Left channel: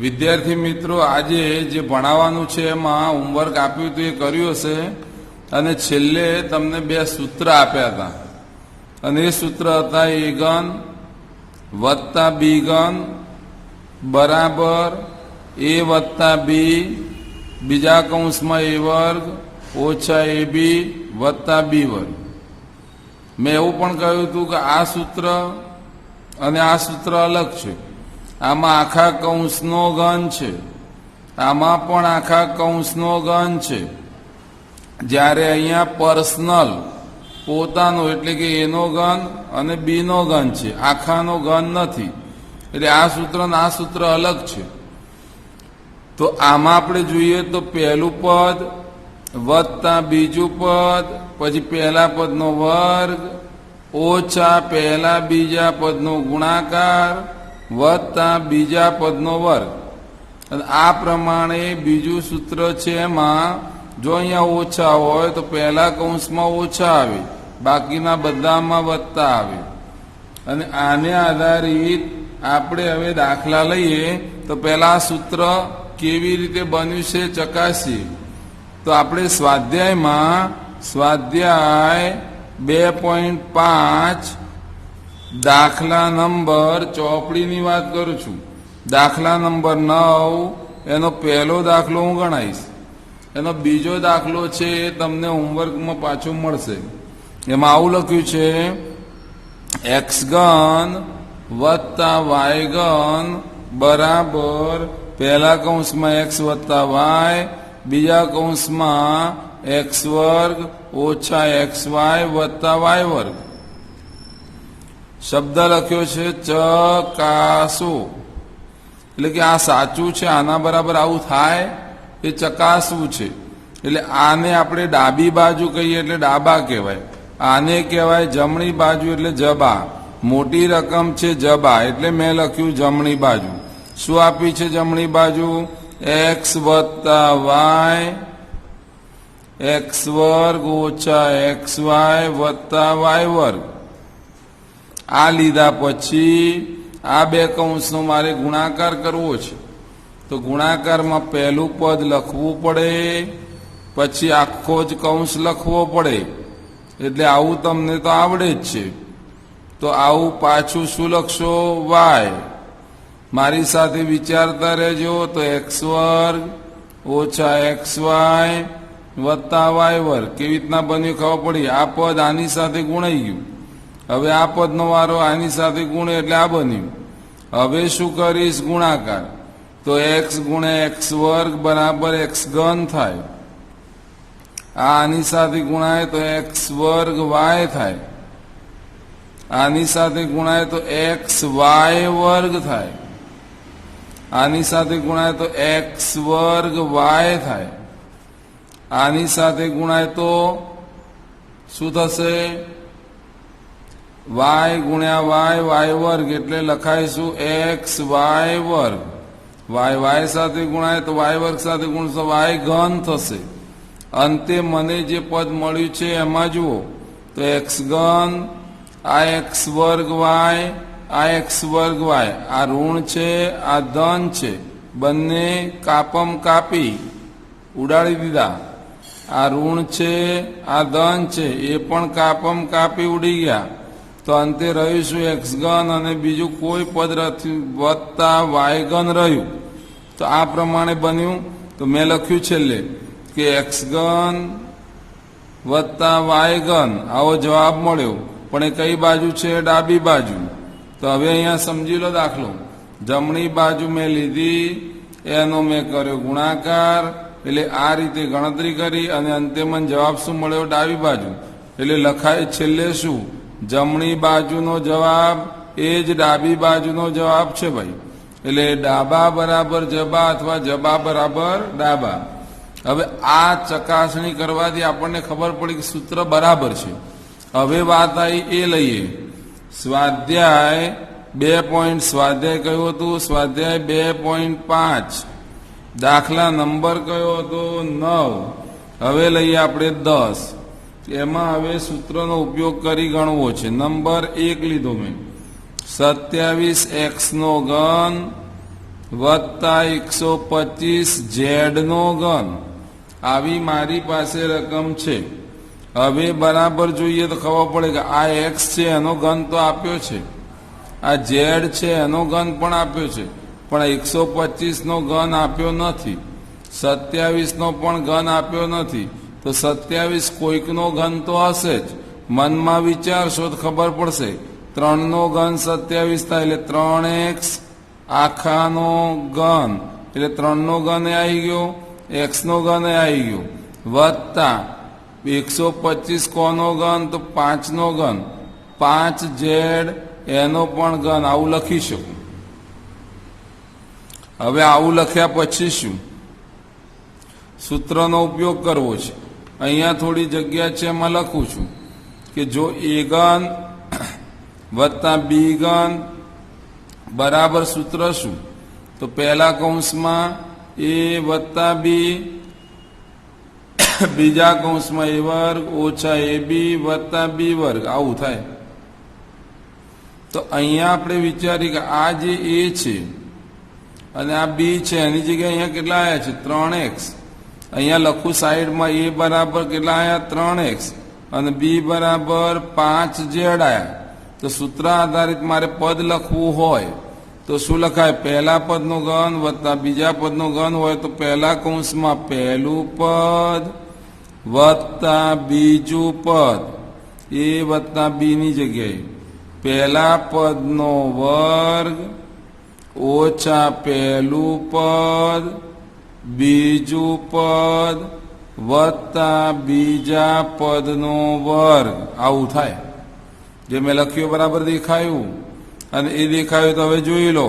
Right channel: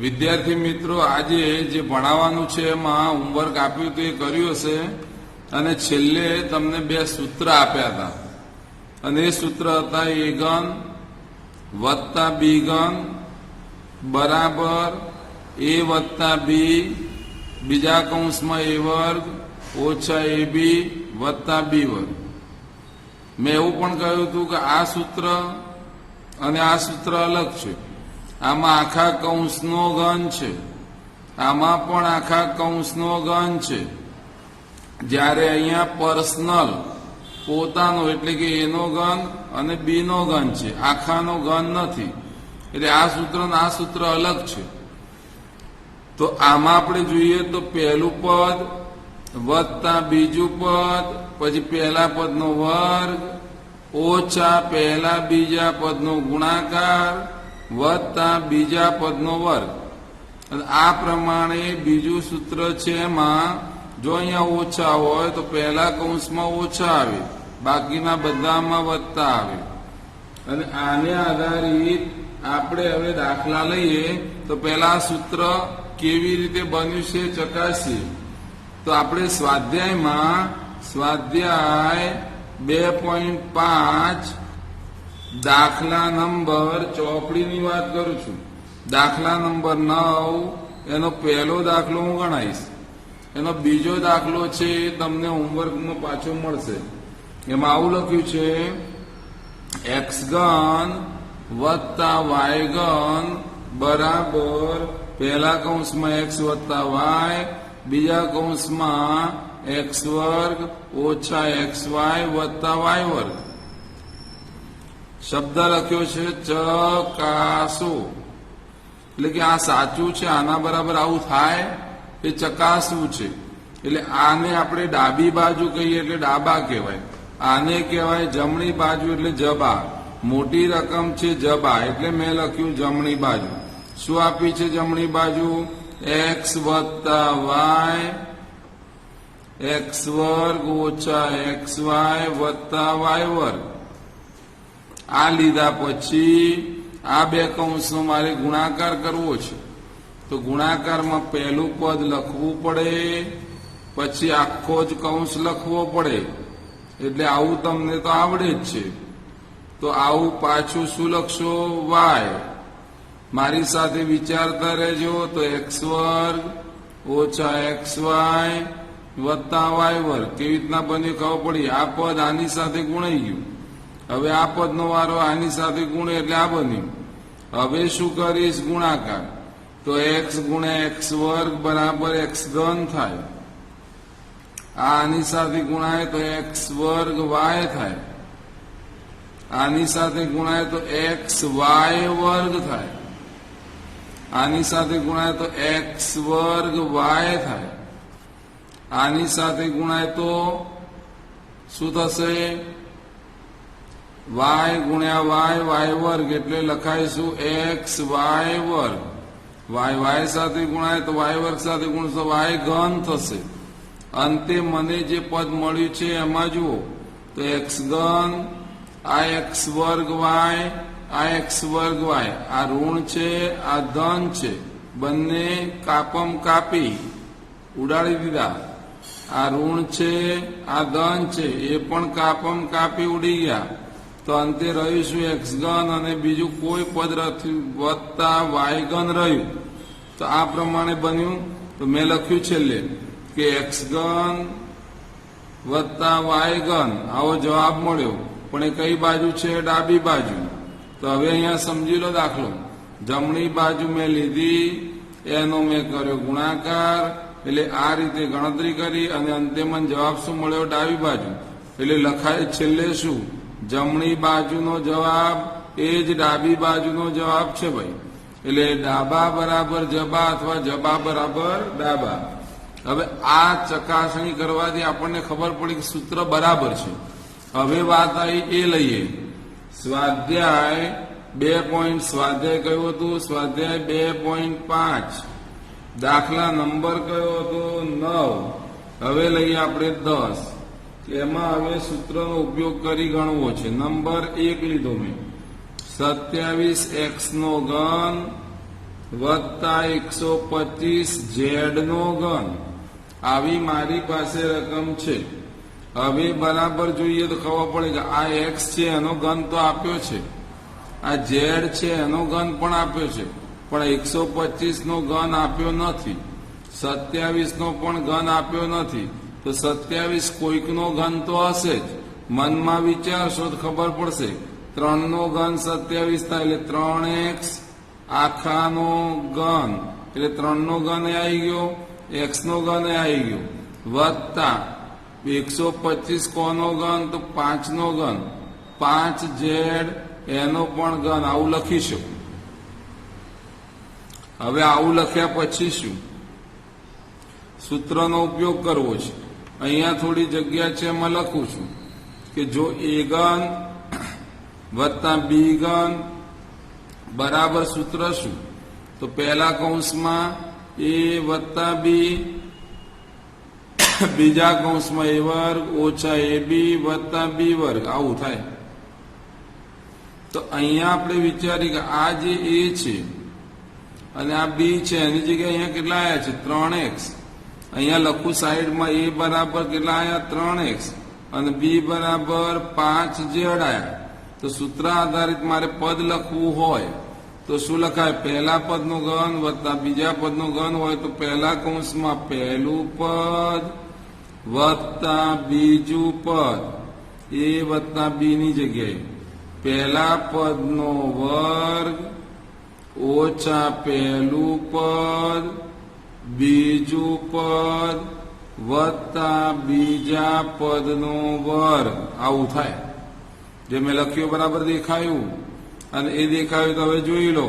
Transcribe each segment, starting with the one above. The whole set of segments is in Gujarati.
વિદ્યાર્થી મિત્રો, આજે જે ભણાવવાનું છે એમાં હોમવર્ક આપ્યું તો એ કર્યું હશે અને છેલ્લે તમને બે સૂત્ર આપ્યા હતા અને એ સૂત્ર હતા એ ઘન વત્તા બી ઘન બરાબર એ વત્તા બી બીજા કૌંસમાં એ વર્ગ ઓછા એ બી વત્તા બી વર્ગ. મેં એવું પણ કહ્યું હતું કે આ સૂત્ર અને આ સૂત્ર અલગ છે. આમાં આખા કૌંસનો ઘન છે, આમાં પણ આખા કૌંસનો ઘન છે. જ્યારે અહીંયા પર્સનલ પોતાનો એટલે કે એનો ઘન અને બીનો ઘન છે, આખાનો ઘન નથી. એટલે આ સૂત્ર અને આ સૂત્ર અલગ છે. તો આમાં આપણે જોઈએ તો પહેલું પદ વત્તા બીજું પદ, પછી પહેલા પદનો વર્ગ ઓછા પહેલા બીજા પદનો ગુણાકાર વત્તા બીજા પદનો વર્ગ. અને આ પ્રમાણે બીજું સૂત્ર છે. એમાં જો અહીંયા ઓછા હોય તો પહેલા કૌંસમાં ઓછા આવે, બાકીના બધામાં વત્તા આવે. અને આને આધારિત આપણે હવે દાખલા લઈએ તો પહેલા સૂત્ર કેવી રીતે બન્યું છે ચકાસીએ. તો આપણે સ્વાધ્યાય 2.5 દાખલા નંબર ચોપડીની વાત કરું છું. દાખલા નંબર 9 એનો પહેલો દાખલો હું ગણાવીશ. એનો બીજો દાખલો છે એ તમને હોમવર્કમાં પાછો મળશે. એમાં આવું લખ્યું છે એક્સ ઘન વત્તા વાય ઘન બરાબર પહેલા કૌંસમાં એક્સ વત્તા વાય બીજા કૌંસમાં એક્સ વર્ગ ઓછા એક્સ વાય વત્તા વાય વર્ગ. શબ્દ લખ્યો છે ચકાસો, એટલે કે આ સાચું છે, આના બરાબર આવું થાય એ ચકાસવું છે. એટલે આને આપણે ડાબી બાજુ કહીએ એટલે ડાબા કહેવાય, આને કહેવાય જમણી બાજુ એટલે જબા. મોટી રકમ છે જબા એટલે મેં લખ્યું જમણી બાજુ. શું આપી છે જમણી બાજુ? એક્સ વત્તા વાય એક્સ વર્ગ ઓછા એક્સ વાય વત્તા વાય વર્ગ. આ લીધા પછી આ બે કૌંસનો મારે ગુણાકાર કરવો છે. તો ગુણાકારમાં પહેલું પદ લખવું પડે, પછી આખો જ કૌંસ લખવો પડે. એટલે આવું તમને તો આવડે જ છે. તો આવું પાછું શું લખશો? વાય. મારી સાથે વિચારતા રહેજો. તો એક્સ વર્ગ ઓછા એક્સ વાય વત્તા વાય વર્ગ. કેવી રીતના બન્યું ખબર પડી? આ પદ આની સાથે ગુણાઈ ગયું. હવે આ પદનો વારો આની સાથે ગુણે એટલે આ બન્યું. હવે શું કરીશ? ગુણાકાર. તો એક્સ ગુણ્યા એક્સ વર્ગ બરાબર એક્સ ઘન થાય. આની સાથે ગુણાય તો એક્સ વર્ગ વાય થાય. આની સાથે ગુણાય તો એક્સ વાય વર્ગ થાય. આની સાથે ગુણાય તો એક્સ વર્ગ વાય થાય. આની સાથે ગુણાય તો શું થશે? વાય ગુણ્યા વાય વાય વર્ગ એટલે લખાઈશું એક્સ વાય વર્ગ. વાય વાય સાથે ગુણાય તો વાય વર્ગ સાથે ગુણશો વાય ઘન થશે. અંતે મને જે પદ મળ્યું છે એમાં જુઓ તો એક્સ ઘન આ એક્સ વર્ગ વાય આ એક્સ વર્ગ વાય. આ ઋણ છે આ ધન છે, બંને કાપમ કાપી ઉડાડી દીધા. આ ઋણ છે આ ધન છે એ પણ કાપમ કાપી ઉડી ગયા. તો અંતે રહ્યું શું? એક્સ ઘન અને બીજું કોઈ પદ વત્તા વાય ઘન રહ્યું. તો આ પ્રમાણે બન્યું. તો મેં લખ્યું છેલ્લે કે એક્સ ઘન વત્તા વાય ઘન આવો જવાબ મળ્યો. પણ એ કઈ બાજુ છે? ડાબી બાજુ. તો હવે અહીંયા સમજી લો દાખલો. જમણી બાજુ મેં લીધી, એનો મેં કર્યો ગુણાકાર. એટલે આ રીતે ગણતરી કરી અને અંતે મને જવાબ શું મળ્યો? ડાબી બાજુ. એટલે લખાય છેલ્લે શું? જમણી બાજુનો જવાબ એ જ ડાબી બાજુનો જવાબ છે ભાઈ. એટલે ડાબા બરાબર જબા અથવા જબા બરાબર ડાબા. હવે આ ચકાસણી કરવાથી આપણને ખબર પડી કે સૂત્ર બરાબર છે. હવે વાત આવી એ લઈએ. સ્વાધ્યાય 2. સ્વાધ્યાય કયો હતું? સ્વાધ્યાય 2.5 દાખલા નંબર કયો હતો? 9. હવે લઈએ આપણે 10. એમાં હવે સૂત્રનો ઉપયોગ કરી ગણવો છે. નંબર 1 લીધો મેં. 27x નો ઘન વત્તા 125 ઝેડ નો ઘન, આવી મારી પાસે રકમ છે. હવે બરાબર જોઈએ તો ખબર પડે કે આ એક્સ છે એનો ઘન તો આપ્યો છે, આ ઝેડ છે એનો ઘન પણ આપ્યો છે, પણ 125 નો ઘન આપ્યો નથી, 27 નો પણ ઘન આપ્યો નથી. તો 27 કોઈકનો ઘન તો હશે જ. મનમાં વિચારશો તો ખબર પડશે. 3 નો ઘન 27 થાય એટલે 3x આખાનો ઘન, એટલે 3 નો ઘન આવી ગયો, x નો ઘન આવી ગયો, વત્તા 125 કોનો ઘન તો 5 નો ઘન, 5z એનો પણ ઘન. આવું લખીશું. હવે આવું લખ્યા પછી શું? સૂત્રનો ઉપયોગ કરવો છે. અહીંયા થોડી જગ્યા છે એમાં લખું છું કે જો a ઘન વત્તા b ઘન બરાબર સૂત્ર શું? તો પહેલા કૌંસમાં a વત્તા b, બીજા કૌંસમાં a વર્ગ ઓછા ab વત્તા b વર્ગ, આવું થાય. તો અહીંયા આપણે વિચારીએ કે આ જે a છે અને આ b છે એની જગ્યાએ અહીંયા કેટલા આવ્યા છે? 3x. અહીંયા લખું સાઈડમાં a બરાબર કેટલા આવ્યા? 3x અને b બરાબર 5z આવ્યા. તો સૂત્ર આધારિત મારે પદ લખવું હોય તો શું લખાય? પહેલા પદનો ઘન વત્તા બીજા પદનો ઘન હોય તો પહેલા કૌંસમાં પહેલું પદ વત્તા બીજું પદ, a વત્તા b ની જગ્યાએ પહેલા પદનો વર્ગ ઓછા પહેલું પદ બીજું પદ વત્તા બીજા પદનો વર્ગ, આવું થાય. જે મેં લખ્યું બરાબર દેખાયું? અને એ દેખાયું તો હવે જોઈ લો.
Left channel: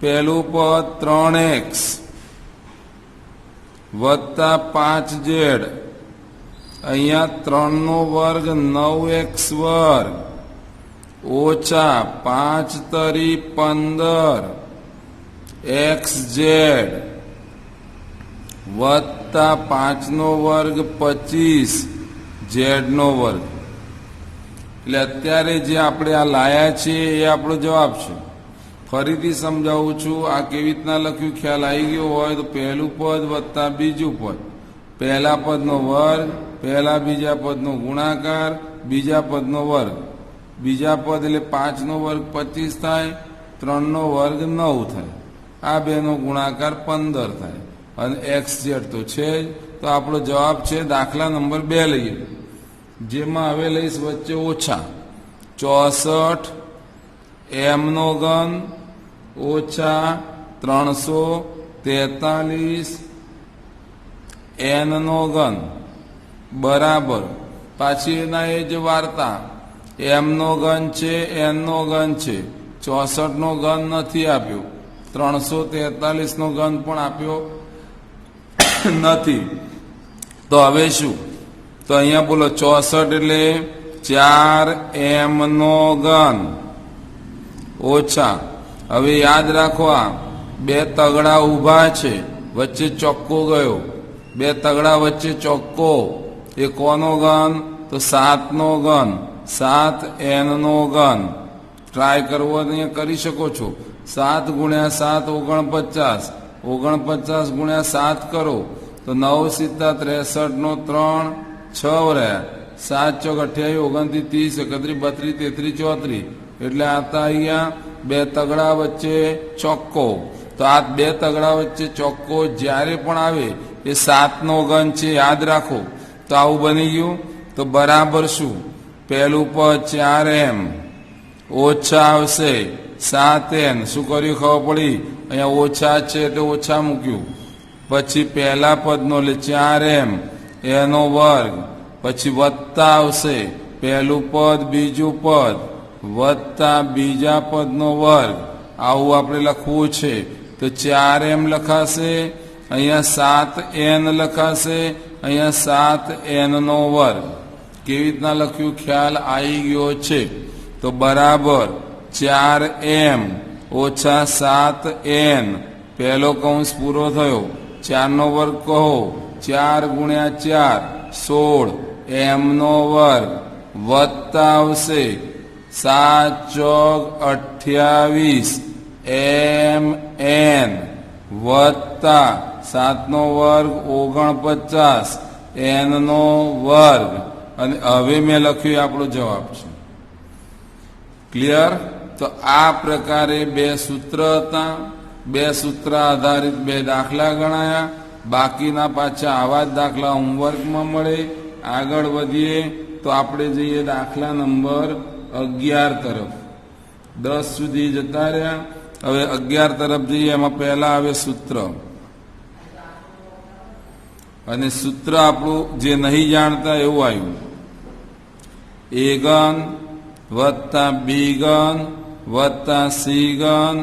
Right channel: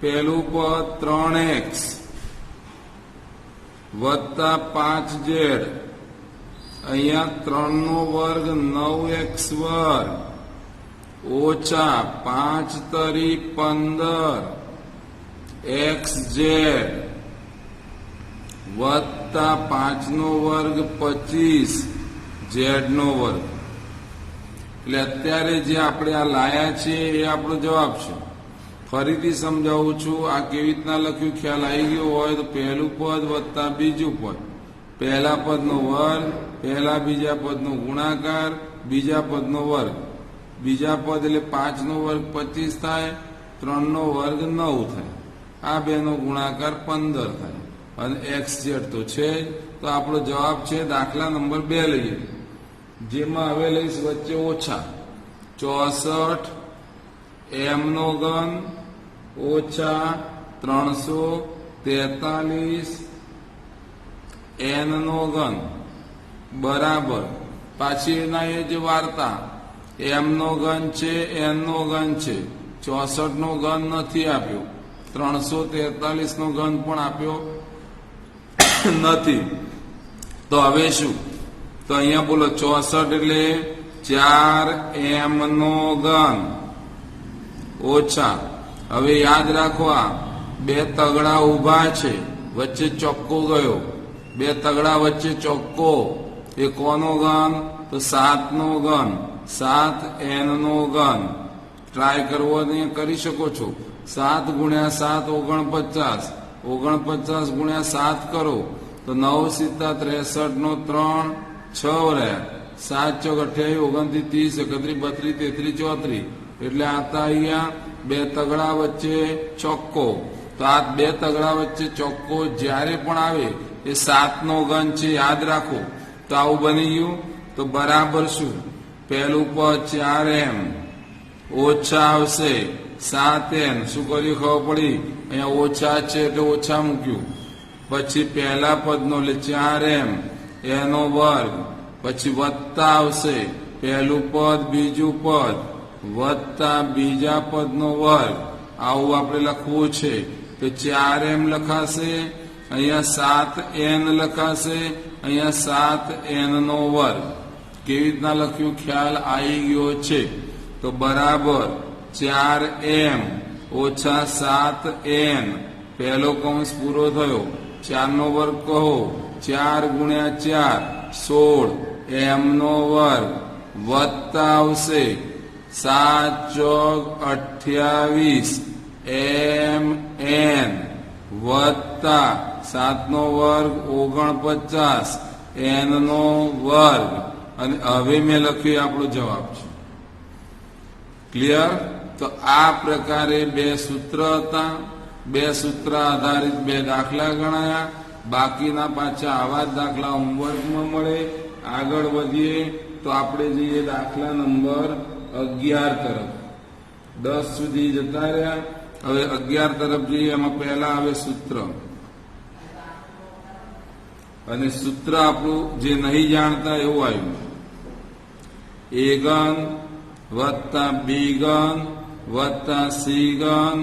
પહેલું પદ 3x વત્તા 5z, અહીંયા 3 નો વર્ગ 9x વર્ગ ઓછા 5 તરી 15 xz વત્તા 5 નો વર્ગ 25 z નો વર્ગ. એટલે અત્યારે જે આપણે આ લાયા છીએ એ આપણો જવાબ છે. ફરીથી સમજાવું છું, આ કેવી રીતના લખ્યું ખ્યાલ આવી ગયો હોય તો પહેલું પદ વત્તા બીજું પદ, પહેલા પદનો વર્ગ, પહેલા બીજા પદનો ગુણાકાર, બીજા પદનો વર્ગ, બીજા પદ એટલે 5 નો વર્ગ 25 થાય, 3 નો વર્ગ 9 થાય, આ બેનો ગુણાકાર 15 થાય અને xz તો છે જ. તો આપણો જવાબ છે દાખલા નંબર 2 લઈએ, જેમાં હવે લઈશ વચ્ચે ઓછા 64 m નો ઘન ઓછા 343 n નો ઘન બરાબર. પાછી એના એ જ વાર્તા, m નો ઘન છે, n નો ઘન છે, 64 નો ઘન નથી આપ્યો, 343 નો ઘન પણ આપ્યો નથી. તો હવે શું? તો અહીંયા બોલો 64 એટલે 4m નો ઘન ઓછા, હવે યાદ રાખો આ બે તગડા ઊભા છે, વચ્ચે ચોક્કો ગયો, બે તગડા વચ્ચે ચોક્કો, એ કોનો ઘન? તો 7 નો ઘન, 7n નો ઘન. ટ્રાય કરવો ને કરી શકો છો. 7 ગુણ્યા 7 49, 49 ગુણ્યા 7 કરો તો 9 સીધા 63 નો 3 6 રહ્યા, 7 ચોક 28 29 30 31 32 33 34, એટલે આતા અહીંયા બે તગડા વચ્ચે ચોક્કો. તો આ બે તગડા વચ્ચે ચોક્કો જ્યારે પણ આવે એ 7 નો ઘન છે, યાદ રાખો. તો આવું બની ગયું. તો બરાબર શું? પહેલું પદ 4m ઓછા આવશે 7n, શું કર્યું ખબર પડી? અહીંયા ઓછા છે એટલે ઓછા મૂક્યું. પછી પહેલા પદનો એટલે 4m એનો વર્ગ, પછી વત્તા આવશે પહેલું પદ બીજું પદ વત્તા બીજા પદનો વર્ગ, આવું આપણે લખવું છે. તો 4m લખાશે, અહીંયા 7n લખાશે, અહીંયા 7n નો વર્ગ. કેવી રીતના લખ્યું ખ્યાલ આવી ગયો છે? તો બરાબર 4m ઓછા 7n, પહેલો કૌંસ પૂરો થયો, 4 નો વર્ગ કહો, 4 ગુણ્યા 4 16 m નો વર્ગ વત્તા આવશે 7 ચોક 28 mn વત્તા 7નો વર્ગ 49 n નો વર્ગ અને હવે મેં લખ્યું આપણો જવાબ છે. ક્લિયર? તો આ પ્રકારે બે સૂત્ર હતા. બે સૂત્ર આધારિત બે દાખલા ગણાયા. બાકીના પાછા આવા જ દાખલા હોમવર્કમાં મળે. આગળ વધીએ તો આપણે જઈએ દાખલા નંબર 11 તરફ. 10 સુધી જતા રહ્યા. હવે 11 તરફ જઈએ. એમાં પહેલા આવે સૂત્ર, અને સૂત્ર આપણું જે નહીં જાણતા એવું આવ્યું. a ઘન વત્તા b ઘન વત્તા c ઘન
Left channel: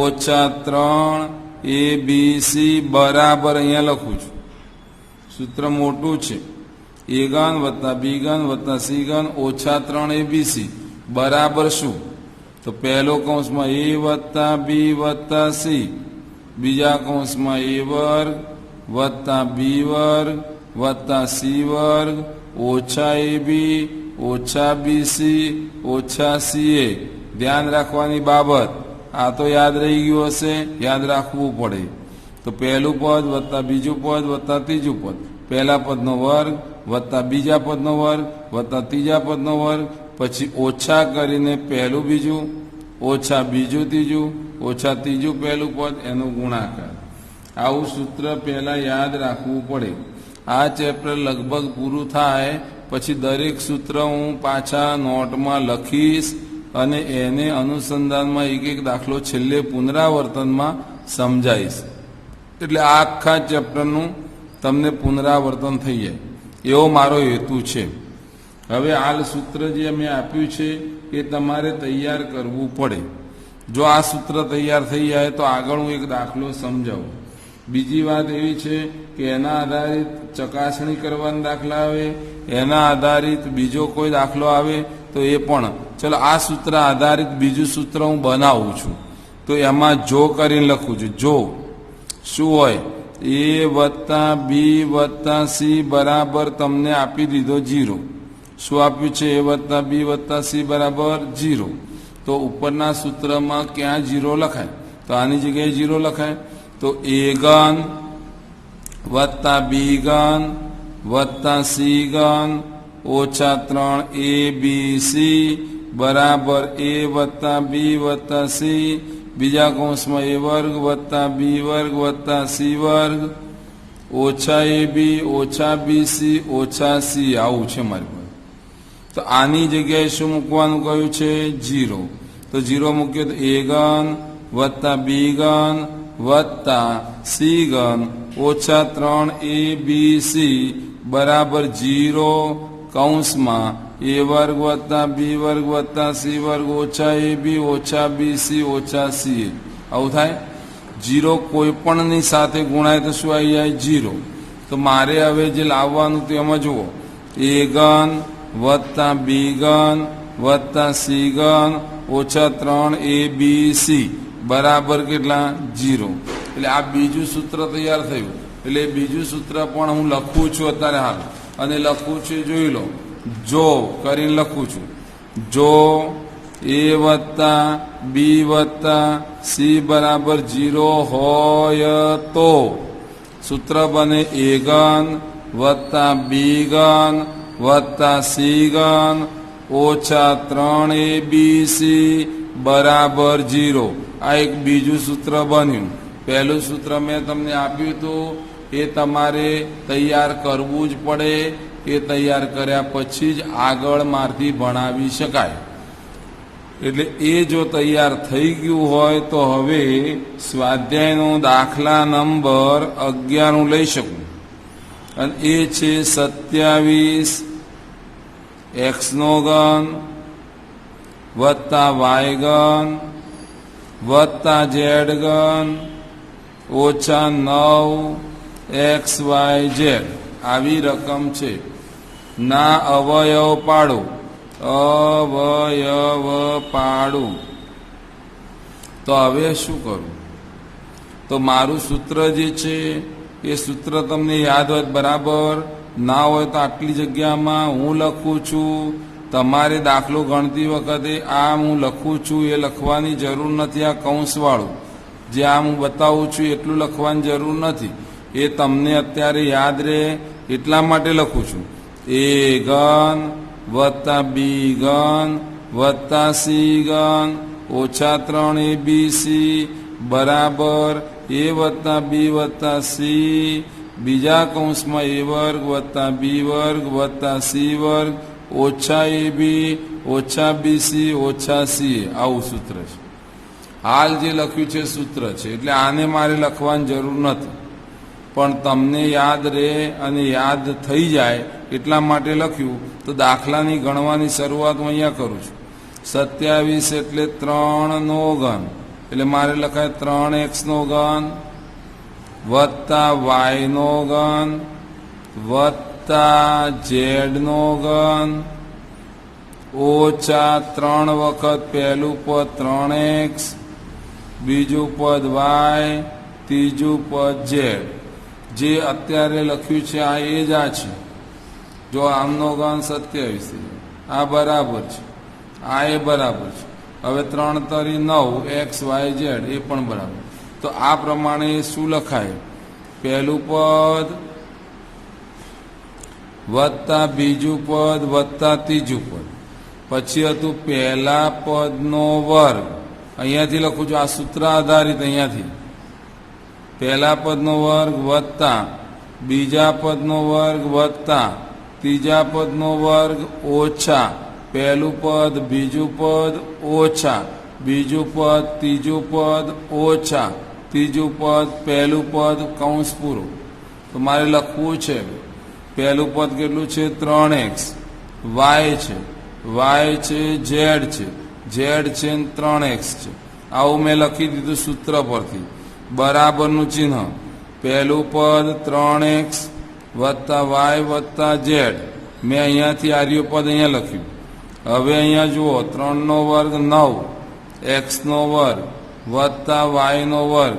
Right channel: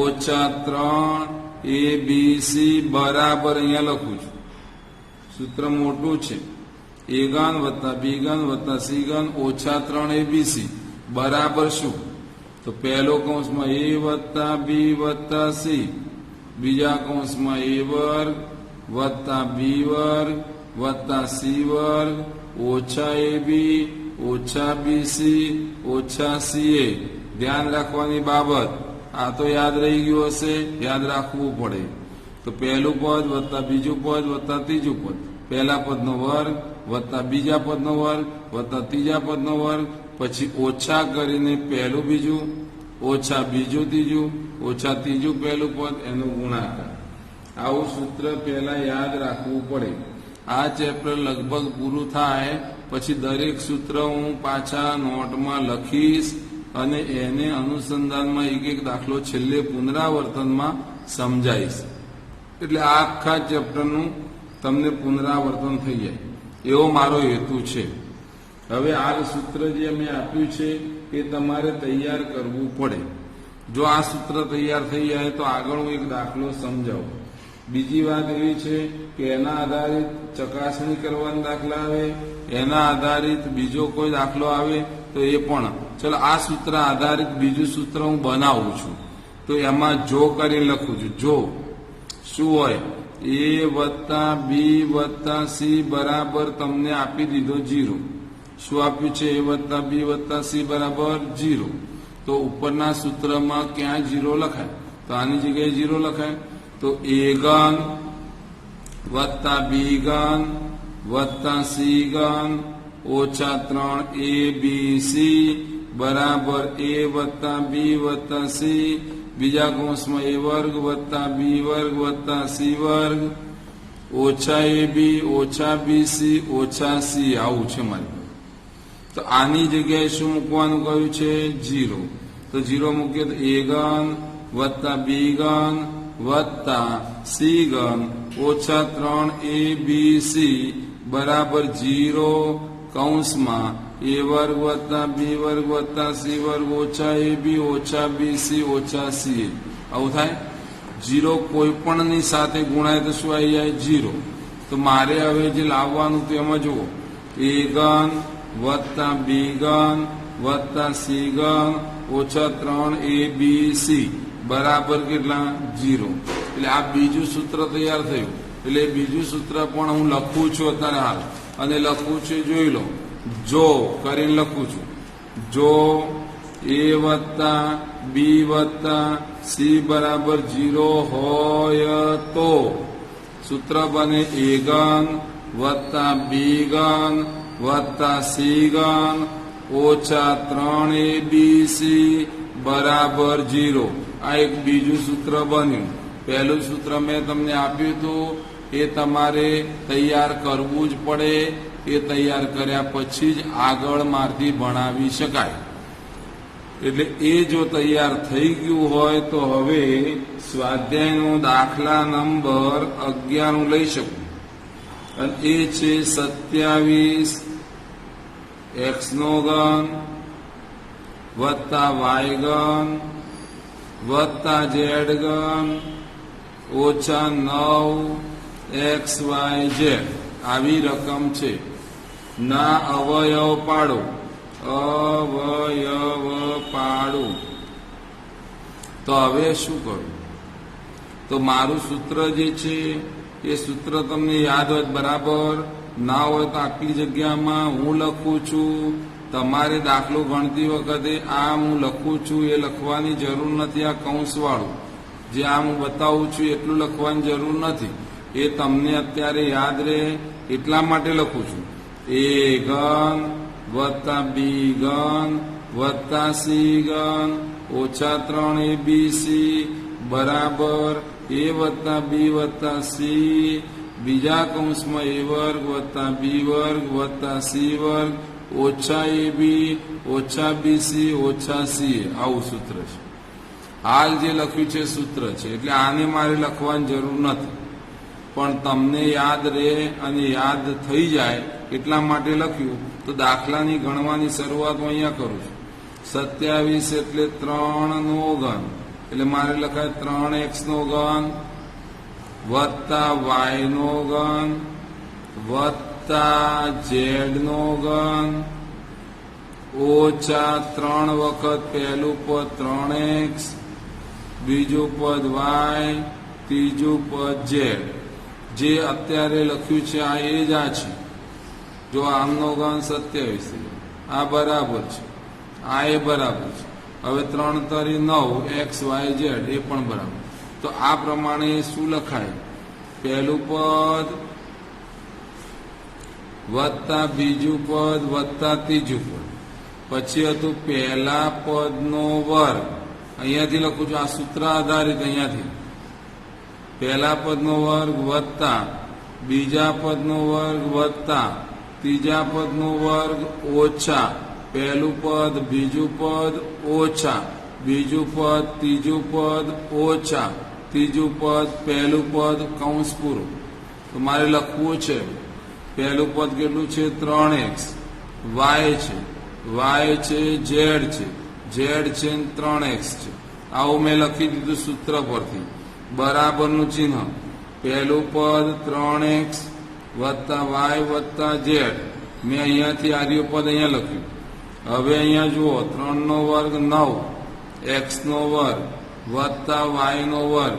ઓછા 3 abc બરાબર, અહીંયા લખું છું, સૂત્ર મોટું છે. a ઘન વત્તા b ઘન વત્તા c ઘન ઓછા 3 abc બરાબર શું? તો પહેલો કૌંસમાં a વત્તા b વત્તા c, બીજા કૌંસમાં a વર્ગ વત્તા b વર્ગ વત્તા c વર્ગ ઓછા ab ઓછા bc ઓછા ca. ધ્યાન રાખવાની બાબત, આ તો યાદ રહી ગયું હશે, યાદ રાખવું પડે. તો પહેલું પદ વત્તા બીજું પદ વત્તા ત્રીજું પદ, પહેલા પદનો વર્ગ વત્તા બીજા પદનો વર્ગ વત્તા ત્રીજા પદનો વર્ગ, પછી ઓછા કરીને પહેલું બીજું ઓછા બીજું ત્રીજું ઓછા ત્રીજું પહેલું પદ, એનો ગુણાકાર. આવું સૂત્ર પહેલા યાદ રાખવું પડે. આ ચેપ્ટર લગભગ પૂરું થાય પછી દરેક સૂત્ર હું પાછા નોટમાં લખીશ અને એને અનુસંધાનમાં એક એક દાખલો છેલ્લે પુનરાવર્તનમાં સમજાવીશ. એટલે આ આખા ચેપ્ટરનું તમને પુનરાવર્તન થઈ જાય એવો મારો હેતુ છે. હવે હાલ સૂત્ર જે મેં આપ્યું છે એ તમારે તૈયાર કરવું પડે. જો આ સૂત્ર તૈયાર થઈ જાય તો આગળ હું એક દાખલો સમજાવું. બીજી વાત એવી છે કે એના આધારિત ચકાસણી કરવાના દાખલા આવે, એના આધારિત બીજો કોઈ દાખલો આવે તો એ પણ. ચલો આ સૂત્ર આધારિત બીજું સૂત્ર હું બનાવું છું, તો એમાં જો કરીને લખું છું. જો શું હોય? a વત્તા b વત્તા c બરાબર તમને આપી દીધો 0. શું આપ્યું છે? a વત્તા b વત્તા c બરાબર 0. તો ઉપરના સૂત્રમાં ક્યાં 0 લખાય? તો આની જગ્યાએ 0 લખાય. તો a ઘન વત્તા b ઘન વત્તા c ઘન ઓછા 3 abc બરાબર a વત્તા b વત્તા c, બીજા કૌંસમાં a વર્ગ વત્તા b વર્ગ વત્તા c વર્ગ ઓછા ab ઓછા bc ઓછા c. આવું છે મારી. તો આની જગ્યાએ શું મૂકવાનું કહ્યું છે? 0. તો 0 મૂકીએ તો a ઘન વત્તા b ઘન વત્તા c ઘન ઓછા 3 abc બરાબર 0 કૌંસમાં a વર્ગ વત્તા b વર્ગ વત્તા c વર્ગ ઓછા ab ઓછા bc ઓછા ca. આવું થાય. 0 કોઈ પણની સાથે ગુણાય તો શું આવી જાય? 0. તો મારે હવે જે લાવવાનું તેમાં જુઓ, a ઘન વત્તા b ઘન વત્તા c ઘન ઓછા 3 abc બરાબર કેટલા? 0. એટલે આ બીજું સૂત્ર તૈયાર થયું. એટલે બીજું સૂત્ર પણ હું લખું છું અત્યારે હાલ, અને લખું છું જોઈ લો. જો કરીને લખું છું. જો a વત્તા b વત્તા c બરાબર 0 હોય તો સૂત્ર બને a ઘન વત્તા b ઘન વત્તા c ઘન ઓછા 3 abc બરાબર 0. આ એક બીજું સૂત્ર બન્યું. પહેલું સૂત્ર મેં તમને આપ્યું હતું, એ તમારે તૈયાર કરવું જ પડે. એ તૈયાર કર્યા પછી જ આગળ મારથી ભણાવી શકાય. એટલે એ જો તૈયાર થઈ ગયું હોય તો હવે સ્વાધ્યાયનો દાખલા નંબર 11 હું લઈ શકું. અને એ છે 27 x નો ઘન વત્તા y ઘન વત્તા z ઘન ઓછા 9 xyz આવી રકમ છે. ના અવયવ પાડો. અવયવ પાડું. તો હવે શું કરું? તો મારું સૂત્ર જે છે એ સૂત્ર તમને યાદ હોય બરાબર, ના હોય તો આટલી જગ્યામાં હું લખું છું તમારે દાખલો ગણતી વખતે આ હું લખું છું એ લખવાની જરૂર નથી. આ કૌંસવાળું જે આ હું બતાવું છું એટલું લખવાની જરૂર નથી. એ તમને અત્યારે યાદ રહે એટલા માટે લખું છું. એ ઘન વત્તા બી ઘન વત્તા સી ઘન ઓછા 3abc બરાબર એ વત્તા બી વત્તા સી બીજા કૌંસમાં એ વર્ગ વત્તા બી વર્ગ વત્તા સી વર્ગ ઓછા એબી ઓછા બીસી ઓછા સી. આવું સૂત્ર છે. હાલ જે લખ્યું છે સૂત્ર છે, એટલે આને મારે લખવાની જરૂર નથી, પણ તમને યાદ રહે અને યાદ થઈ જાય એટલા માટે લખ્યું. તો દાખલાની ગણવાની શરૂઆત હું અહીંયા કરું છું. 27 એટલે 3 નો ઘન, એટલે મારે લખાય 3x નો ઘન વત્તા y નો ઘન વત્તા z નો ઘન ઓછા 3 વખત પહેલું પદ 3x બીજું પદ y ત્રીજું પદ z. જે અત્યારે લખ્યું છે આ એ જ આ છે. જો આમનો ઘન 27, આ બરાબર છે, આ એ બરાબર છે. હવે 3 તરી 9 x y z એ પણ બરાબર. તો આ પ્રમાણે શું લખાય? પહેલું પદ વત્તા બીજું પદ વત્તા ત્રીજું પદ. પછી હતું પહેલા પદનો વર્ગ. અહીંયાથી લખું છું, આ સૂત્ર આધારિત. અહીંયાથી પહેલા પદનો વર્ગ વત્તા બીજા પદનો વર્ગ વત્તા ત્રીજા પદનો વર્ગ ઓછા પહેલું પદ બીજું પદ ઓછા બીજું પદ ત્રીજું પદ ઓછા ત્રીજું પદ પહેલું પદ કૌંસ પૂરું. તો મારે લખવું છે પહેલું પદ કેટલું છે? 3x. y છે, y છે, z છે, z છે ને 3x છે. આવું મેં લખી દીધું સૂત્ર પરથી. બરાબરનું ચિહ્ન. પહેલું પદ 3x વત્તા y વત્તા z. મેં અહીંયાથી આર્ય પદ અહીંયા લખ્યું. હવે અહીંયા જુઓ 3 નો વર્ગ 9 x નો વર્ગ વત્તા y નો વર્ગ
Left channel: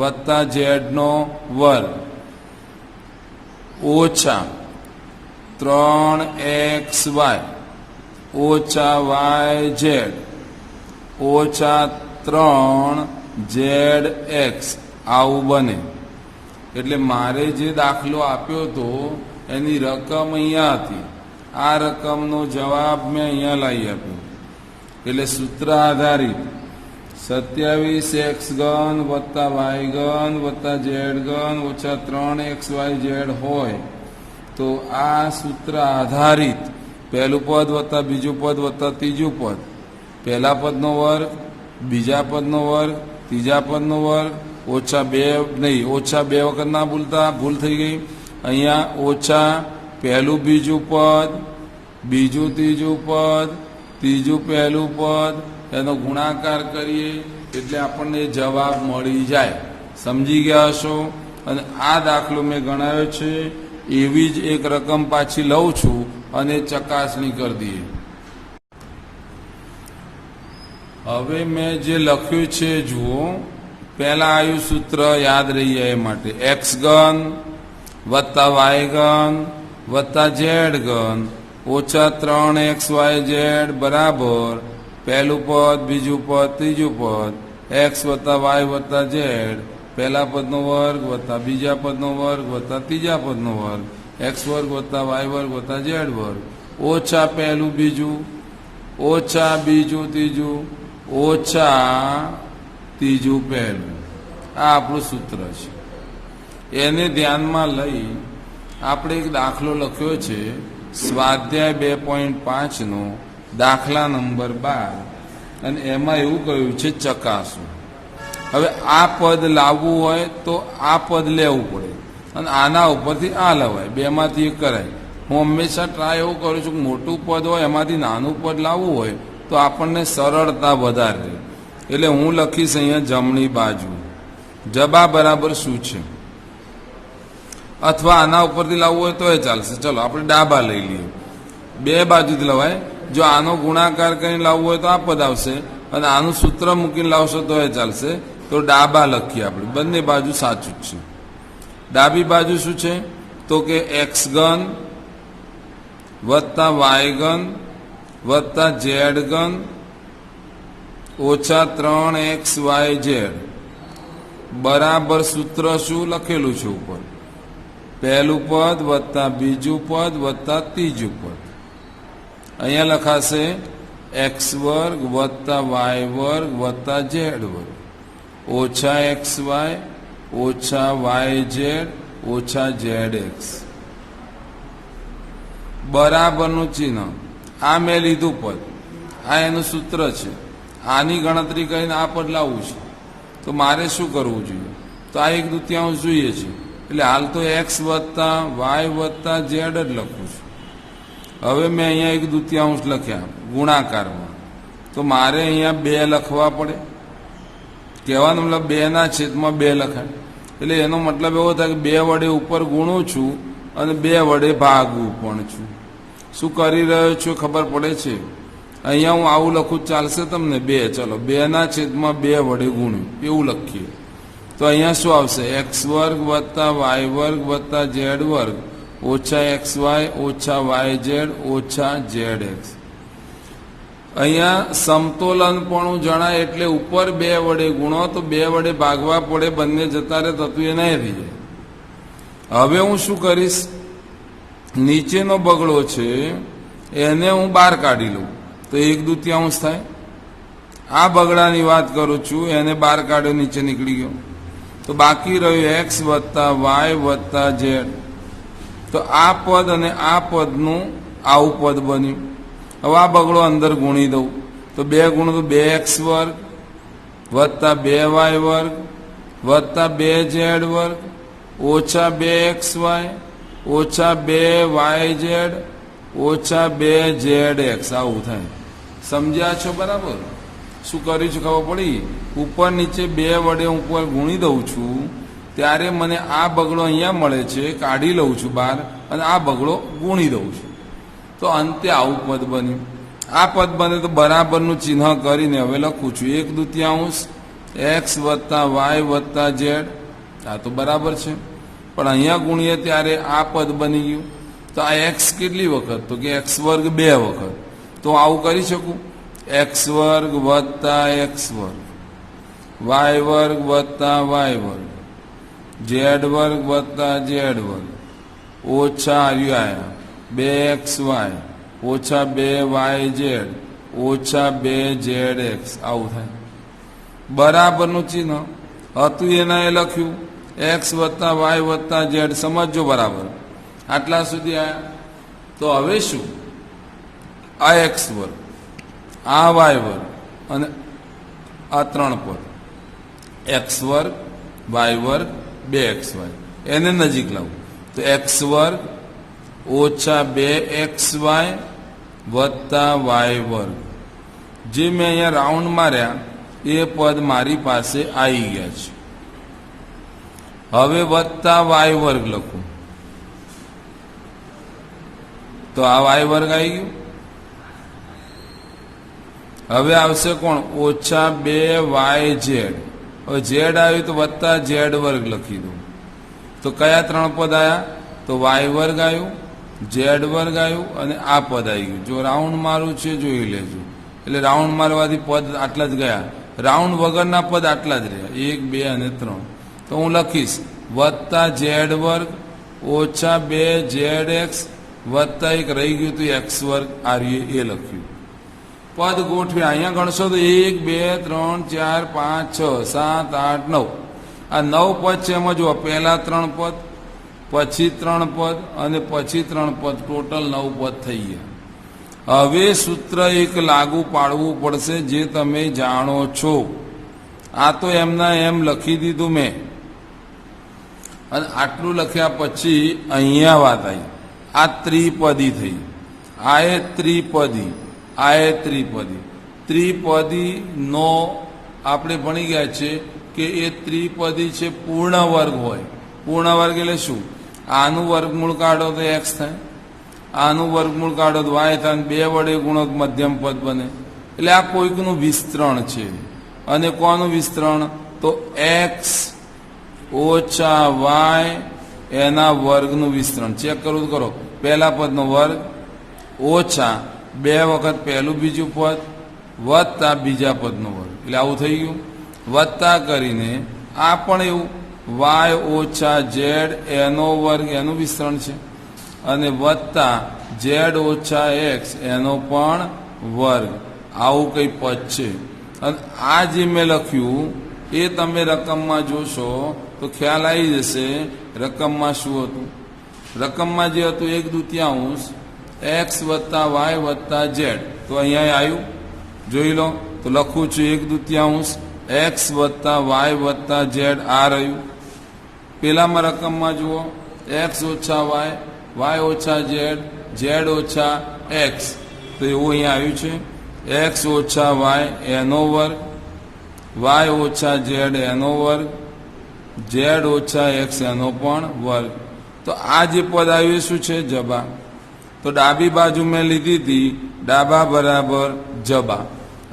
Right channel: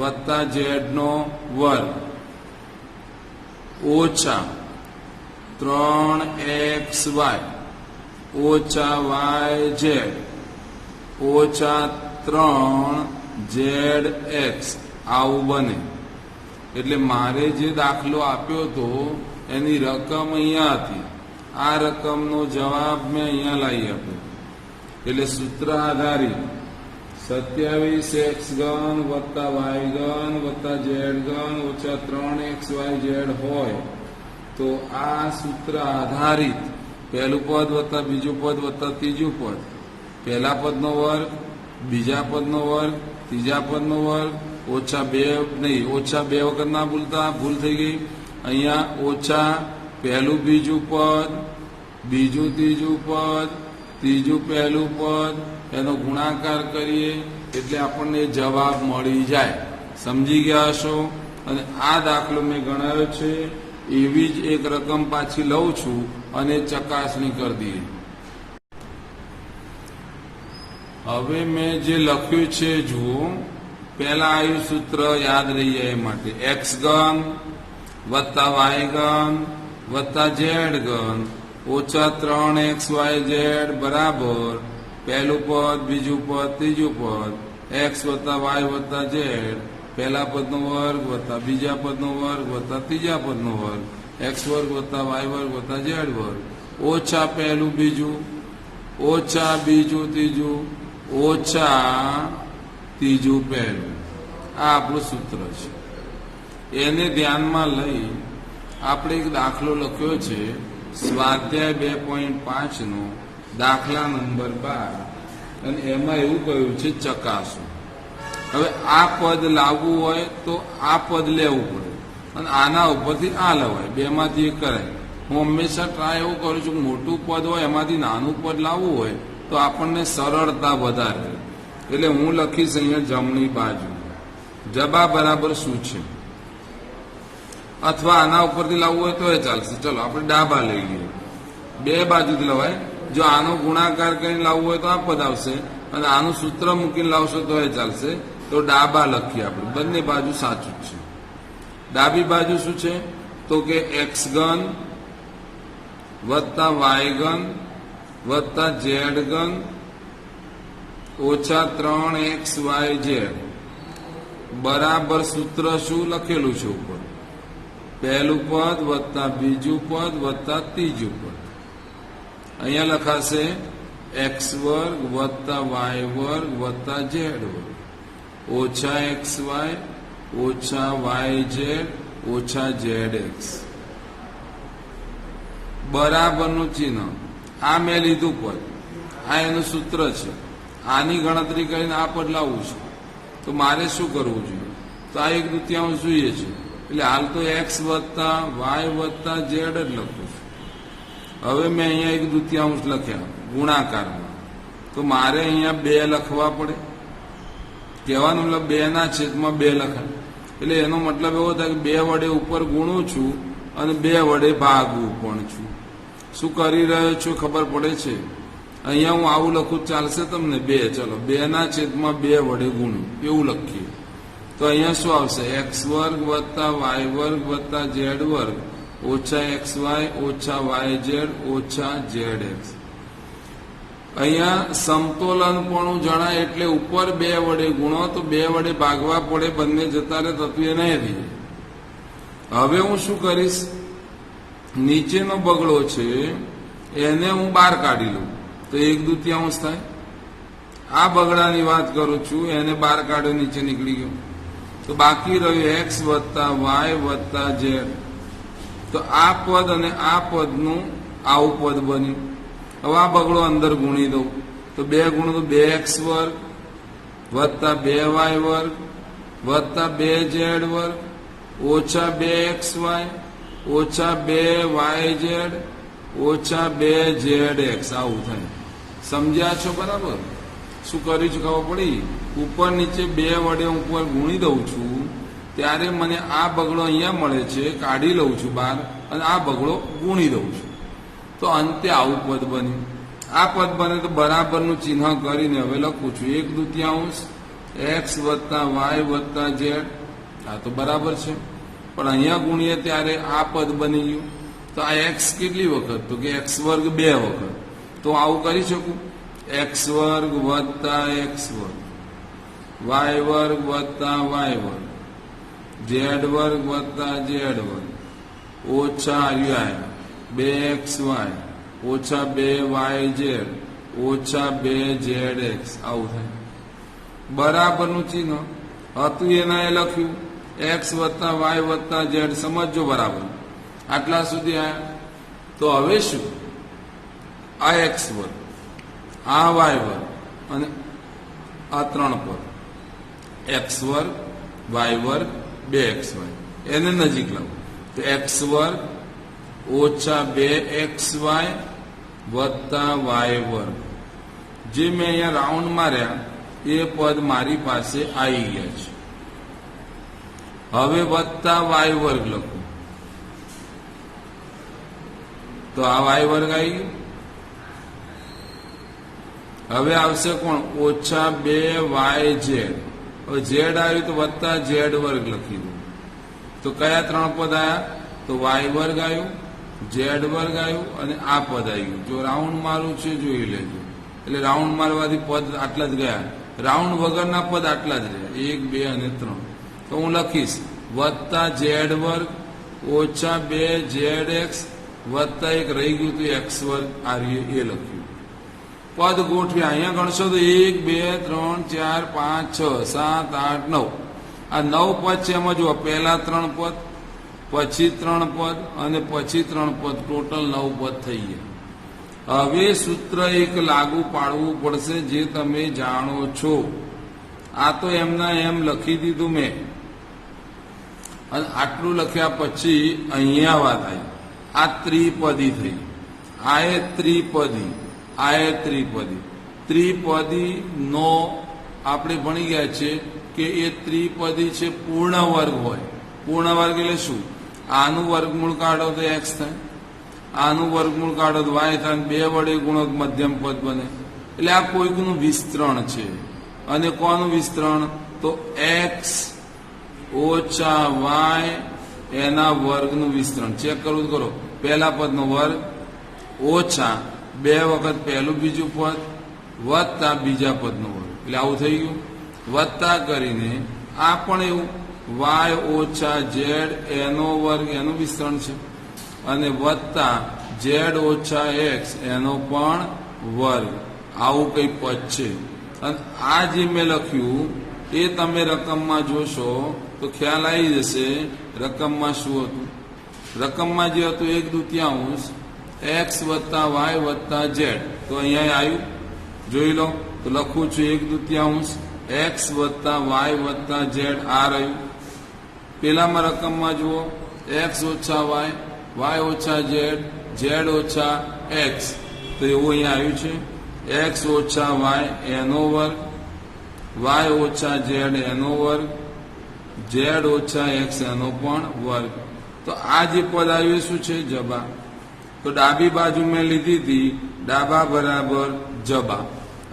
વત્તા z નો વર્ગ ઓછા 3xy ઓછા yz ઓછા 3zx. આવું બને. એટલે મારે જે દાખલો આપ્યો હતો એની રકમ અહીંયા હતી. આ રકમનો જવાબ મેં અહીંયા લાવી આપ્યો. એટલે સૂત્ર આધારિત 27x ઘન વત્તા y ઘન વત્તા z ઘન ઓછા 3xyz હોય તો આ સૂત્ર આધારિત પહેલું પદ વત્તા બીજું પદ વત્તા ત્રીજું પદ, પહેલા પદનો વર્ગ બીજા પદનો વર્ગ ત્રીજા પદનો વર્ગ ઓછા 2 નહીં, ઓછા 2 વખત ના ભૂલતા, ભૂલ થઈ ગઈ. અહીંયા ઓછા પહેલું બીજું પદ બીજું ત્રીજું પદ ત્રીજું પહેલું પદ એનો ગુણાકાર કરીએ એટલે આપણને જવાબ મળી જાય. સમજી ગયા હશો? અને આ દાખલો મેં ગણાવ્યો છે. એવી જ એક રકમ પાછી લઉં છું અને ચકાસણી કરી દઈએ. હવે મેં જે લખ્યું છે જુઓ. પહેલા આવ્યું સૂત્ર યાદ રહી જાય એ માટે x ઘન વત્તા y ઘન વત્તા z ઘન ઓછા 3xyz બરાબર પહેલું પદ બીજું પદ ત્રીજું પદ x વત્તા y વત્તા z પહેલા પદનો વર્ગ વત્તા બીજા પદનો વર્ગ વત્તા ત્રીજા પદનો વર્ગ x વર્ગ વત્તા y વર્ગ વત્તા z વર્ગ ઓછા પહેલું બીજું ઓછા બીજું ત્રીજું ઓછા ત્રીજું પહેલું. આ આપણું સૂત્ર છે. એને ધ્યાનમાં લઈ આપણે એક દાખલો લખ્યો છે સ્વાધ્યાય 2.5 નો દાખલા નંબર 12 અને એમાં એવું કહ્યું છે ચકાસો. હવે આ પદ લાવવું હોય તો આ પદ લેવું પડે અને આના ઉપરથી આ લવાય. બેમાંથી એક કરાય. હું હંમેશા ટ્રાય એવું કરું છું કે મોટું પદ હોય એમાંથી નાનું પદ લાવવું હોય તો આપણને સરળતા વધારે. એટલે હું લખીશ અહીંયા જમણી બાજુ જબા બરાબર શું છે, અથવા આના ઉપરથી લાવવું હોય તો એ ચાલશે. ચલો આપણે ડાબા લઈ લઈએ. બે બાજુથી લવાય. જો આનો ગુણાકાર કરીને લાવવું હોય તો આ પદ આવશે અને આનું સૂત્ર મૂકીને લાવશો તો એ ચાલશે. તો ડાબા લખીએ આપણે. બંને બાજુ સાચું જ છે. ડાબી બાજુ શું છે તો કે x ઘન વત્તા y ઘન વત્તા ઝેડ ઘન ઓછા 3xyz બરાબર સૂત્ર શું લખેલું છે ઉપર? પહેલું પદ વત્તા બીજું પદ વત્તા ત્રીજું પદ. અહીંયા લખાશે એક્સ વર્ગ વત્તા વાય વર્ગ વત્તા ઝેડ વર્ગ ઓછા એક્સ વાય ઓછા વાય ઝેડ ઓછા ઝેડ એક્સ બરાબરનું ચિહ્ન. આ મેં લીધું પદ, આ એનું સૂત્ર છે. આની ગણતરી કરીને આ પદ લાવવું છે તો મારે શું કરવું જોઈએ? તો આ 1/2 જોઈએ છે. એટલે હાલ તો એક્સ વત્તા વાય વત્તા ઝેડ જ લખું છું. હવે મેં અહીંયા 1/2 લખ્યા ગુણાકારમાં, તો મારે અહીંયા 2 લખવા પડે. કહેવાનો મતલબ 2/2 લખાય. એટલે એનો મતલબ એવો થાય કે 2 વડે ઉપર ગુણું છું અને 2 વડે ભાગવું પણ છું. શું કરી રહ્યો છું ખબર પડે છે? અહીંયા હું આવું લખું ચાલશે તમને? 2, ચલો 2/2 વડે ગુણ્યું એવું લખીએ તો અહીંયા શું આવશે? એક્સ વર્ગ વત્તા વાય વર્ગ વત્તા ઝેડ વર્ગ ઓછા એક્સ વાય ઓછા વાય ઝેડ ઓછા ઝેડ એક્સ. અહીંયા સમતોલનપણું જણાય એટલે ઉપર 2 વડે ગુણો તો 2 વડે ભાગવા પડે, બંને જતા રહે તો એ નહીં રહી જાય. હવે હું શું કરીશ? નીચેનો બગડો છે એને હું બહાર કાઢી લઉં તો 1/2 થાય. આ બગડાની વાત કરું છું, એને બહાર કાઢ્યો, નીચે નીકળી ગયો. તો બાકી રહ્યું એક્સ વત્તા વાય વત્તા ઝેડ. તો આ પદ અને આ પદનું આવું પદ બન્યું. હવે આ બગડો અંદર ગુણી દઉં તો 2 ગુણું 2x વર્ગ વત્તા 2y વર્ગ વત્તા 2z વર્ગ ઓછા 2xy ઓછા 2yz ઓછા 2zx. આવું થાય. સમજ્યા છો બરાબર? શું કર્યું છે ખબર પડી? ઉપર નીચે 2 વડે ઉપર ગુણી દઉં છું ત્યારે મને આ બગડો અહીંયા મળે છે, કાઢી લઉં છું બહાર અને આ બગડો ગુણી દઉં છું તો અંતે આવું પદ બન્યું. આ પદ બને તો બરાબરનું ચિહ્ન કરીને હવે લખું છું 1/2 એક્સ વત્તા વાય વત્તા ઝેડ. આ તો બરાબર છે, પણ અહીંયા ગુણીએ ત્યારે આ પદ બની ગયું. તો આ એક્સ કેટલી વખત? તો કે એક્સ વર્ગ 2 વખત. તો આવું કરી શકું? એક્સ વર્ગ વત્તા એક્સ વર્ગ વાય વર્ગ વત્તા વાય વર્ગ ઝેડ વર્ગ વત્તા ઝેડ વર્ગ ઓછા 2xy ઓછા 2yz ઓછા 2zx. આવું થાય. બરાબરનું ચિહ્ન હતું એના એ લખ્યું એક્સ વત્તા વાય વત્તા ઝેડ. સમજો બરાબર? આટલા સુધી આવ્યા. તો હવે શું? આ એક્સ વર્ગ આ વાય વર્ગ અને આ 3 પદ એક્સ વર્ગ વાય વર્ગ 2xy એને નજીક લાવું તો એક્સ વર્ગ ઓછા 2xy વત્તા વાય વર્ગ. જે મેં અહીંયા રાઉન્ડ માર્યા એ પદ મારી પાસે આવી ગયા છે. હવે વત્તા વાય વર્ગ લખું તો આ વાય વર્ગ આવી ગયું. હવે આવશે કોણ? ઓછા 2yz. હવે ઝેડ આવ્યું તો વત્તા ઝેડ વર્ગ લખી દઉં તો કયા 3 પદ આવ્યા? તો વાય વર્ગ આવ્યું, ઝેડ વર્ગ આવ્યું અને આ પદ આવી ગયું. જો રાઉન્ડ મારું છે જોઈ લેજો. એટલે રાઉન્ડ મારવાથી પદ આટલા જ ગયા, રાઉન્ડ વગરના પદ આટલા જ રહ્યા 1 2 અને 3. તો હું લખીશ વત્તા ઝેડ વર્ગ ઓછા 2zx વત્તા 1 રહી ગયું તો એક્સ વર્ગ. આ એ લખ્યું. પદ ગોઠવ્યા. અહીંયા ગણશો તો 1 2 3 4 5 6 7 8 9. આ 9 પદ છે. એમાં જુઓ પહેલા 3 પદ પછી 3 પદ અને પછી 3 પદ, ટોટલ 9 પદ થઈ ગયા. હવે સૂત્ર એક લાગુ પાડવું પડશે જે તમે જાણો છો. આ તો એમના એમ લખી દીધું મેં અને આટલું લખ્યા પછી અહીંયા વાત આવી. આ ત્રિપદી થઈ. આ એ ત્રિપદી, આ એ ત્રિપદી. ત્રિપદી નો આપણે ભણી ગયા છે કે એ ત્રિપદી છે પૂર્ણ વર્ગ હોય. પૂર્ણ વર્ગ એટલે શું? આનું વર્ગમૂળ કાઢો તો એક્સ થાય, આનું વર્ગમૂળ કાઢો તો વાય થાય, 2 વડે ગુણો મધ્યમ પદ બને. એટલે આ કોઈકનું વિસ્તરણ છે. અને કોનું વિસ્તરણ? તો એક્સ ઓછા વાય એના વર્ગનું વિસ્તરણ. ચેક કરવું કરો. પહેલા પદનો વર્ગ ઓછા 2 વખત પહેલું બીજું પદ વત્તા બીજા પદનો વર્ગ, એટલે આવું થઈ ગયું. વત્તા કરીને આ પણ એવું વાય ઓછા ઝેડ એનો વર્ગ એનું વિસ્તરણ છે, અને વત્તા ઝેડ ઓછા એક્સ એનો પણ વર્ગ, આવું કંઈ પદ છે. અને આ જે મેં લખ્યું એ તમે રકમમાં જોશો તો ખ્યાલ આવી જશે રકમમાં શું હતું. રકમમાં જે હતું 1/2 એક્સ વત્તા વાય વત્તા ઝેડ, તો અહીંયા આવ્યું જોઈ લો. તો લખું છું 1/2 એક્સ વત્તા વાય વત્તા ઝેડ, આ રહ્યું. પેલામાં રકમમાં જુઓ એક્સ ઓછા વાય ઓછા ઝેડ, ઝેડ ઓછા એક્સ, તો એવું અહીંયા આવ્યું છે. એક્સ ઓછા વાય એનો વર્ગ, વાય ઓછા ઝેડ એનો વર્ગ, ઝેડ ઓછા એક્સ એનો પણ વર્ગ. તો આ જે પદ આવ્યું શું છે? જબા. તો ડાબી બાજુ મેં લીધી હતી ડાબા બરાબર જબા.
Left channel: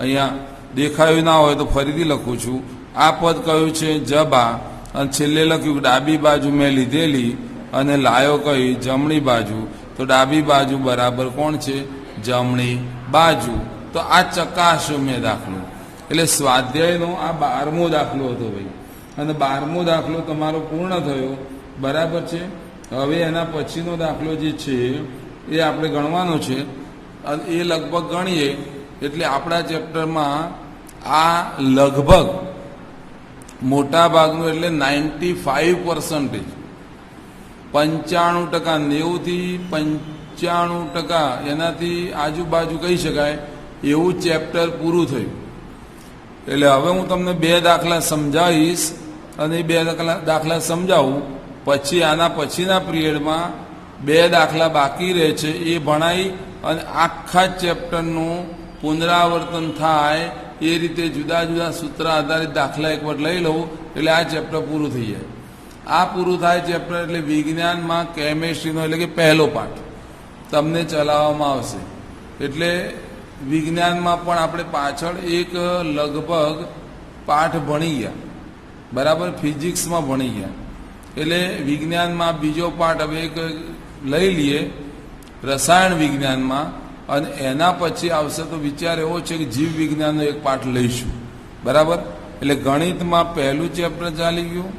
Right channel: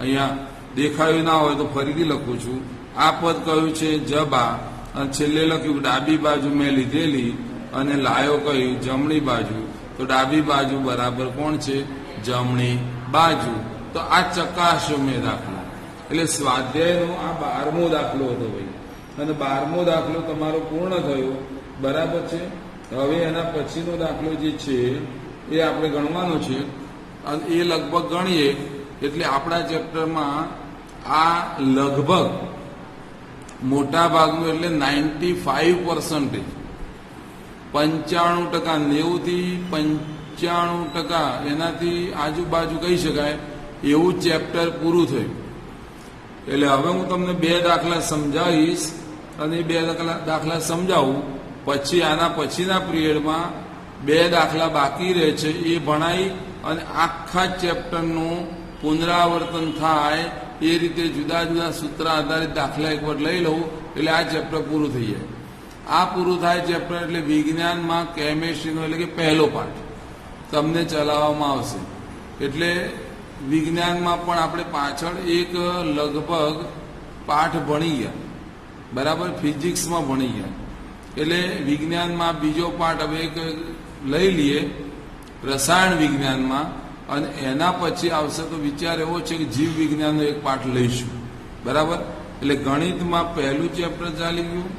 અહીંયા દેખાયું ના હોય તો ફરીથી લખું છું. આ પદ કયું છે? જબા. અને છેલ્લે લખ્યું ડાબી બાજુ મેં લીધેલી અને લાયો કઈ? જમણી બાજુ. તો ડાબી બાજુ બરાબર કોણ છે? જમણી બાજુ. તો આ ચકાસો મેં દાખલો, એટલે સ્વાધ્યાયનો આ 12મો દાખલો હતો ભાઈ, અને 12મો દાખલો તમારો પૂર્ણ થયો, બરાબર છે. હવે એના પછીનો દાખલો જે છે એ આપણે ગણવાનો છે, અને એ લગભગ ગણીએ એટલે આપણા ચેપ્ટરમાં આ લગભગ મોટા ભાગનું એટલે 95%, 95%, 90થી 95% એનાથી આજુબાજુ કહી શકાય એવું ચેપ્ટર પૂરું થયું. એટલે હવે હું તમને 2 દાખલા સમજાવીશ, અને 2 દાખલા સમજાવું પછી આના પછીના પિરિયડમાં 2 દાખલા બાકી રહે છે એ ભણાઈ અને આખા ચેપ્ટરનું પુનરાવર્તન થાય એ રીતે જુદા જુદા સૂત્ર આધારિત દાખલા એક વાર લઈ લઉં એટલે આ ચેપ્ટર પૂરું થઈ જાય. આ પૂરું થાય ચેપ્ટર એટલે વિજ્ઞાનમાં કેમેસ્ટ્રીનો એટલે કે પહેલો પાઠ તમને ચલાવવામાં આવશે. એટલે વિજ્ઞાનમાં પણ આપણે પાછળ એક લગભગ પાઠ ભણી ગયા, બરાબર, ફિઝિક્સમાં ભણી ગયા. એટલે વિજ્ઞાનમાં બીજો પાઠ હવે એક લઈ લઈએ રસાયણ વિજ્ઞાનમાં, અને એના પછી આવશે તો વિચાર એવો છે કે જીવ વિજ્ઞાનનો એક પાઠ લઈશું, બરાબર. એટલે ગણિતમાં પહેલું ચેપ્ટર ચાલી ગયું,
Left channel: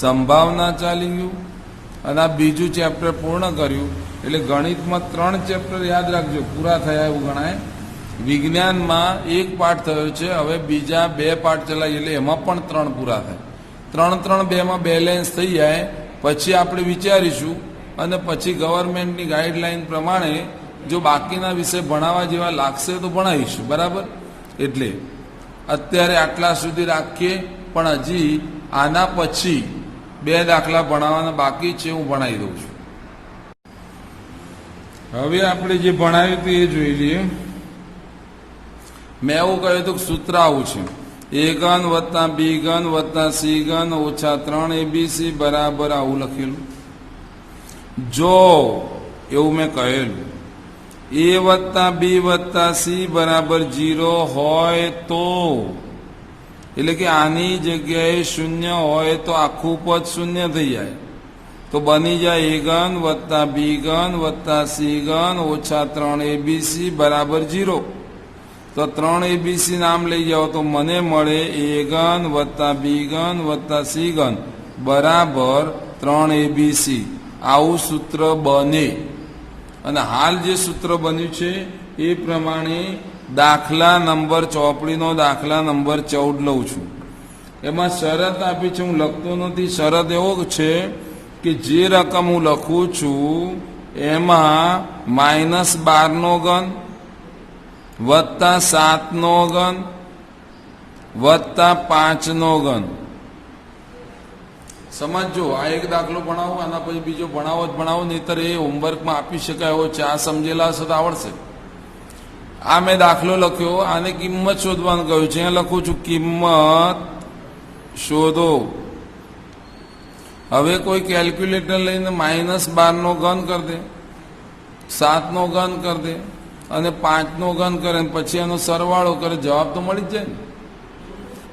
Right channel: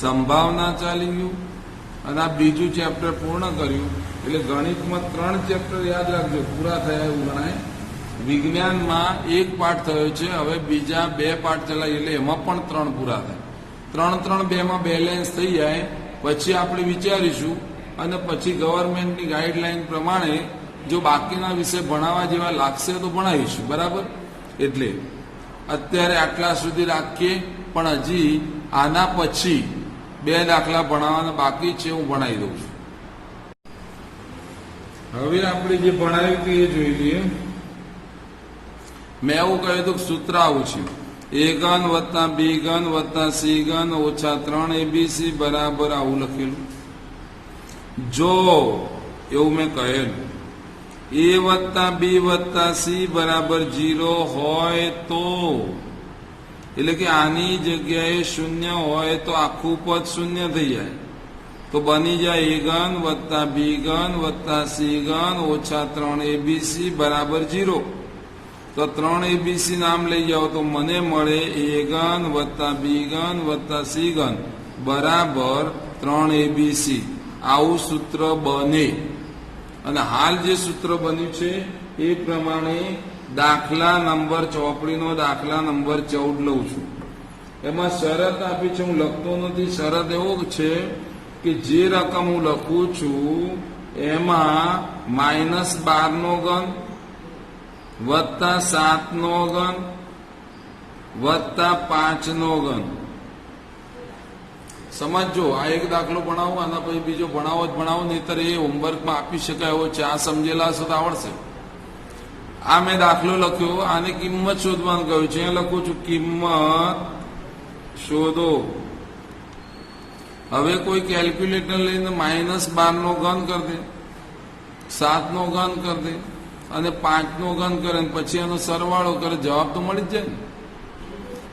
સંભાવના ચાલી ગયું, અને આ બીજું ચેપ્ટર પૂર્ણ કર્યું. એટલે ગણિતમાં 3 ચેપ્ટર યાદ રાખજો પૂરા થયા એવું ગણાય. વિજ્ઞાનમાં 1 પાઠ થયો છે, હવે બીજા 2 પાઠ ચલાવીએ એટલે એમાં પણ 3 પૂરા થાય. 3 2માં બેલેન્સ થઈ જાય પછી આપણે વિચારીશું, અને પછી ગવર્મેન્ટની ગાઈડલાઈન પ્રમાણે જો બાકીના વિષય ભણાવવા જેવા લાગશે તો ભણાવીશું, બરાબર. એટલે અત્યારે આટલા સુધી રાખીએ, પણ હજી આના પછી 2 દાખલા ભણાવવાના બાકી છે, હું ભણાવી દઉં છું. હવે આપણે જે ભણાવ્યું હતું એ જોઈ લઈએ. મેં એવું કહ્યું હતું કે સૂત્ર આવું છે: a ઘન વત્તા b ઘન વત્તા c ઘન ઓછા 3abc બરાબર આવું લખેલું. જો એવું મેં કહેલું a વત્તા b વત્તા c બરાબર 0 હોય તો, એટલે કે આની જગ્યાએ 0 હોય તો આખું પદ 0 થઈ જાય. તો બની જાય a ઘન વત્તા b ઘન વત્તા c ઘન ઓછા 3abc બરાબર 0. તો 3abc નામ લઈ જાઓ તો મને મળે a ઘન વત્તા b ઘન વત્તા c ઘન બરાબર 3abc. આવું સૂત્ર બને. અને હાલ જે સૂત્ર બન્યું છે એ પ્રમાણે દાખલા નંબર ચોપડીનો દાખલા નંબર 14 લઉં છું. એમાં શરત આપી છે, હું લખતો નથી. શરત એવો છે કે જે રકમ હું લખું છું એમાં -12નો ઘન વત્તા 7નો ઘન વત્તા 5નો ઘન. સમજો, આ એક દાખલો ભણાવો, આના પછી બીજો ભણાવો, નહીતર એ હોમવર્કમાં આપી શકાય એવો છે. આ સમજેલા હશે તો આવડશે. આ મેં દાખલો લખ્યો, આને કિંમત શોધવાનું કહ્યું છે. અહીંયા લખું છું કિંમત શોધો. હવે કોઈ કેલ્ક્યુલેટર લઈને -12નો ઘન કરી દે, 7નો ઘન કરી દે અને 5નો ઘન કરે, પછી એનો સરવાળો કરે, જવાબ તો મળી જ જાય ને.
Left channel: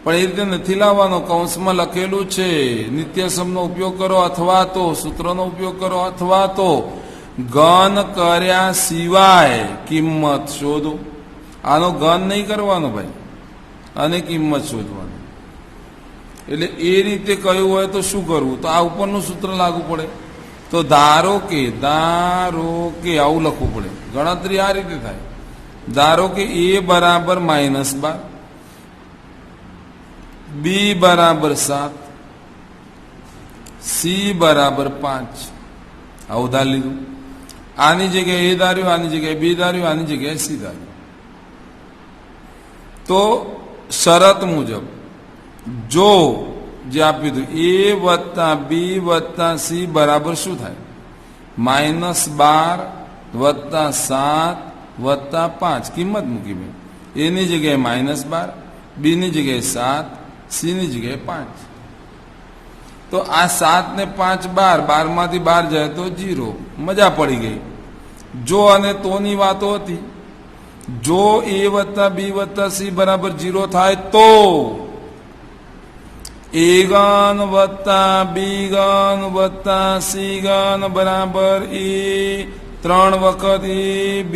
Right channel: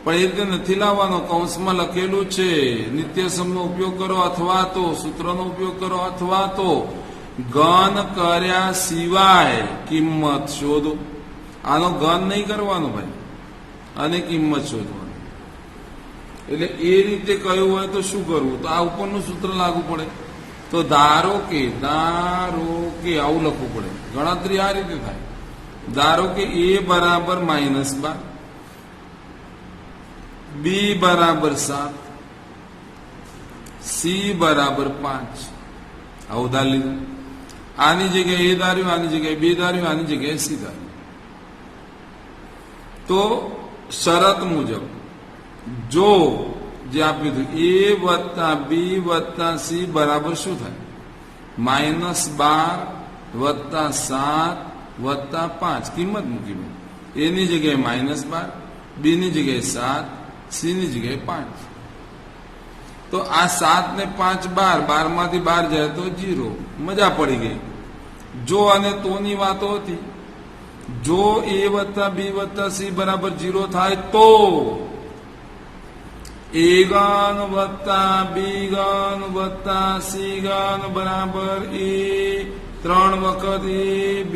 પણ એ રીતે નથી લાવવાનો. કૌંસમાં લખેલું છે નિત્યસમનો ઉપયોગ કરો અથવા તો સૂત્રનો ઉપયોગ કરો અથવા તો ઘન કર્યા સિવાય કિંમત શોધો. આનો ઘન નહીં કરવાનો ભાઈ, અને કિંમત શોધવાની. એટલે એ રીતે કહ્યું હોય તો શું કરવું? તો આ ઉપરનું સૂત્ર લાગુ પડે. તો ધારો કે આવું લખવું પડે. ગણતરી આ રીતે થાય. ધારો કે a બરાબર -12, b બરાબર 7, c બરાબર 5. આવું ધાર લીધું. આની જગ્યાએ a ધાર્યું, આની જગ્યાએ b ધાર્યું, આની જગ્યાએ c ધાર્યું. તો શરત મુજબ જો જે આપ્યું હતું a વત્તા b વત્તા c બરાબર શું થાય? -12 વત્તા 7 વત્તા 5. કિંમત મૂકી ભાઈ. a ની જગ્યાએ -12, b ની જગ્યાએ 7, c ની જગ્યાએ 5. તો આ 7 ને 5 12, 12 માંથી 12 જાય તો 0. મજા પડી ગઈ. જો અને તોની વાતો હતી. જો a વત્તા b વત્તા c બરાબર 0 થાય તો a ઘન વત્તા b ઘન વત્તા c ઘન બરાબર a 3 વખત a b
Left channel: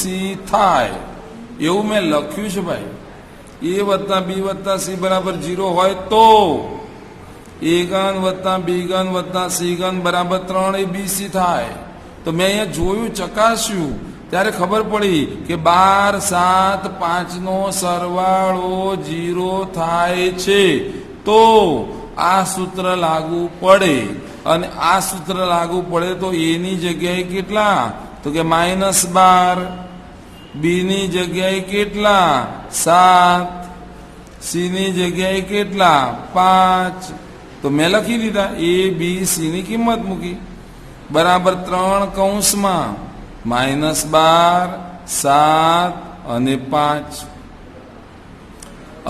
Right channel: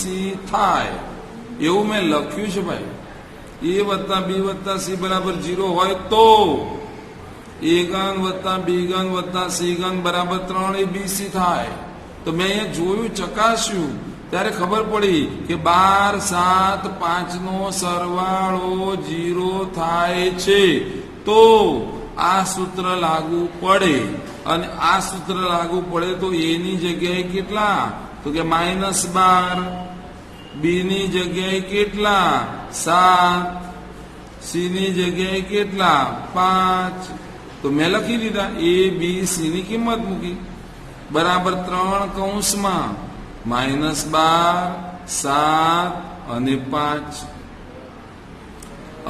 c થાય. એવું મેં લખ્યું છે ભાઈ. a વત્તા b વત્તા c બરાબર 0 હોય તો a ઘન વત્તા b ઘન વત્તા c ઘન બરાબર 3 a b c થાય. તો મેં અહીંયા જોયું, ચકાસ્યું, ત્યારે ખબર પડી કે 12, 7, 5 નો સરવાળો 0 થાય છે. તો આ સૂત્ર લાગુ પડે. અને આ સૂત્ર લાગુ પડે તો a ની જગ્યાએ કેટલા? તો કે -12, b ની જગ્યાએ કેટલા? 7, c ની જગ્યાએ કેટલા? 5. તો મેં લખી લીધા. a b c ની કિંમત મૂકી. બરાબર 3 કૌંસમાં -12, 7 અને 5.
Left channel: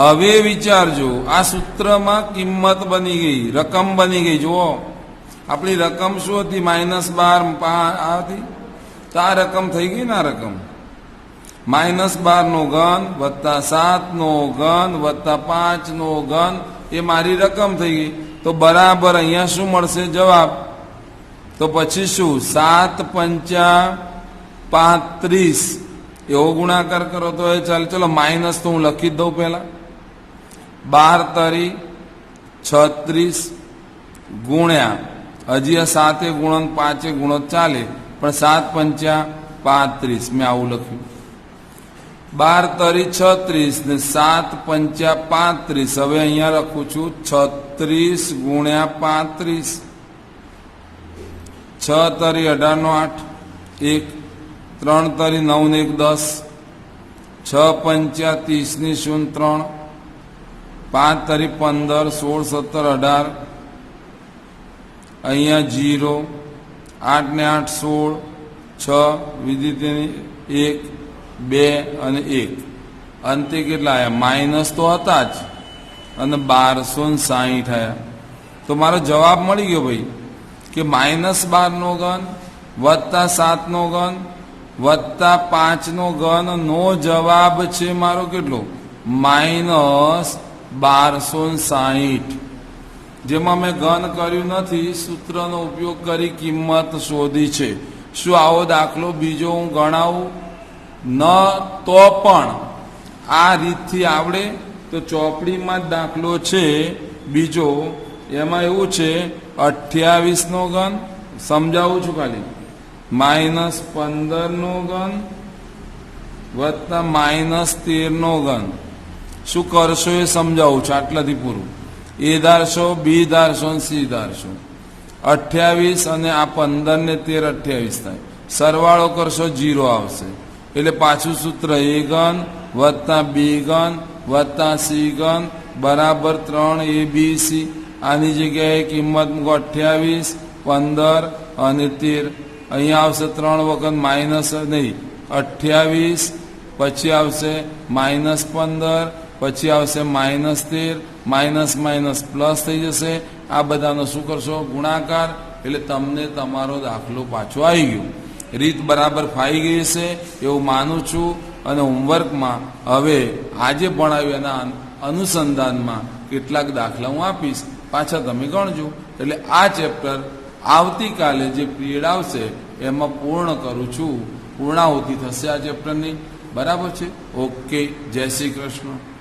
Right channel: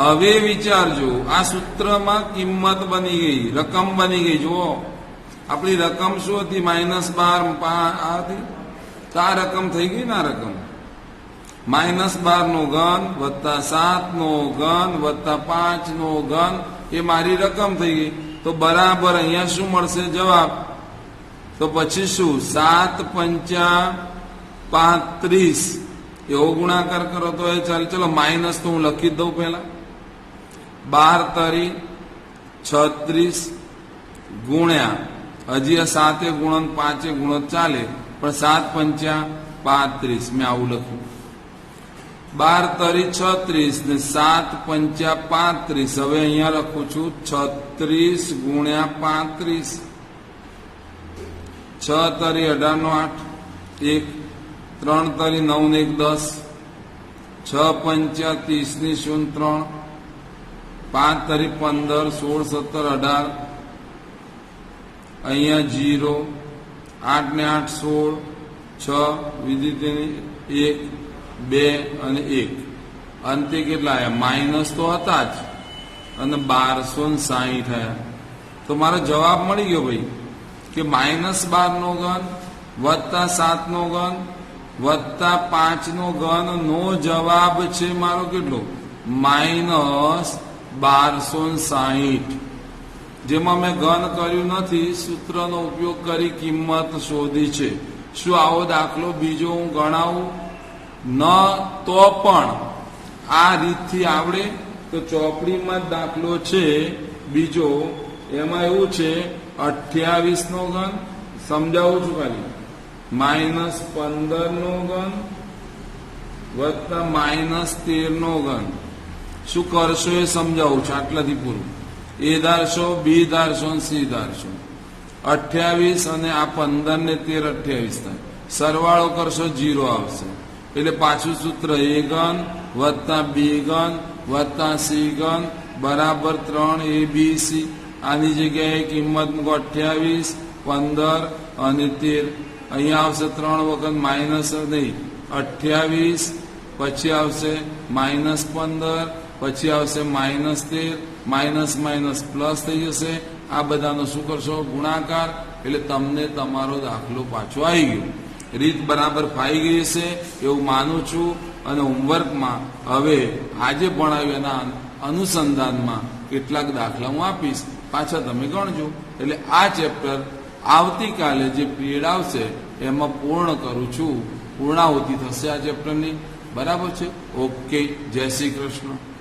હવે વિચારજો, આ સૂત્રમાં કિંમત બની ગઈ, રકમ બની ગઈ. જુઓ, આપણી રકમ શું હતી? -12 આ હતી. તો આ રકમ થઈ ગઈ ને. આ રકમ -12 નો ઘન વત્તા 7 નો ઘન વત્તા 5 નો ઘન, એ મારી રકમ થઈ ગઈ. તો બરાબર અહીંયા શું મળશે? જવાબ. તો પછી શું? 7 પંચા 35 એવો ગુણાકાર કરો તો એ ચાલે. ચલો માઇનસ તો હું લખી જ દઉં પહેલા. 12 તરી 36 ગુણ્યા, હજી આ 7 ગુણન 5 ગુણો ચાલે, પણ 7 પંચા 35 મેં આવું લખ્યું. 12 તરી 36 ને 7 પંચા 35. હવે અહીંયા લખું છું 36 ગુણ્યા 35. 6 તરી 18 નો 8, 1, 3 તરી 9 ને 1 10, 6 પંચા 30 ની 0 3, 5 તરી 15, 16 17 18, અહીંયા 0, 8 ને 8 16, 6 વિધિ 1, 2 અને 1. અંતે કેટલા આવ્યા? માઇનસ તો હતા જ, અને 1260 આવ્યા. તો મારો જવાબ મળી ગયો ભાઈ, કે -12 નો ઘન વત્તા 7 નો ઘન વત્તા 5 નો ઘન નો જવાબ છે મારો કેટલો? -1260. જેમાં મેં ઘન કર્યું નથી, સૂત્રનો ઉપયોગ કરી કિંમત શોધી છે. શું આવો દાખલો બીજો હું ગણાવું? ન તો પણ આ રીતથી આવડે તો ચોપડીમાં જ દાખલો છે બીજો. એમાં એવું છે 28 નો ઘન, સમજાવું છું ખાલી, -15 નો ઘન વત્તા -13 નો ઘન. શું કરશો એ સમજાવું છું, આટલાથી પૂરું. એ ધારશો, બી ધારશો, સી ધારશો. 28 અને આ 15 ને 13 28 થાય. સરવાળો કરશો 0 આવશે. એટલે પાછું સૂત્ર a ઘન વત્તા b ઘન વત્તા c ઘન બરાબર 3abc. આની જગ્યાએ કિંમત 28, 15 અને 13. અહીંયા આવશે 3 વખત માઇનસ નહીં 28, પછી આવશે -15, પછી આવશે -13, માઇનસ માઇનસ પ્લસ થઈ જશે. આ બધાનો શું કરશો? ગુણાકાર. એટલે તમને તમારો દાખલો પાછો આવી ગયો. રીત બરાબર ફાઈ ગઈ છે એવું માનું છું. અને હોમવર્કમાં હવે આજે ભણાવ્યું એના અનુસંધાનમાં કેટલાક દાખલા હું આપીશ, પાછા તમે ગણજો. એટલે આ ચેપ્ટર આવતીકાલે જે પીરિયડ આવશે એમાં પૂર્ણ કરું છું. પૂર્ણાહુતિ થશે આ ચેપ્ટરની. બરાબર છે? ઓકે. જય શ્રી કૃષ્ણ.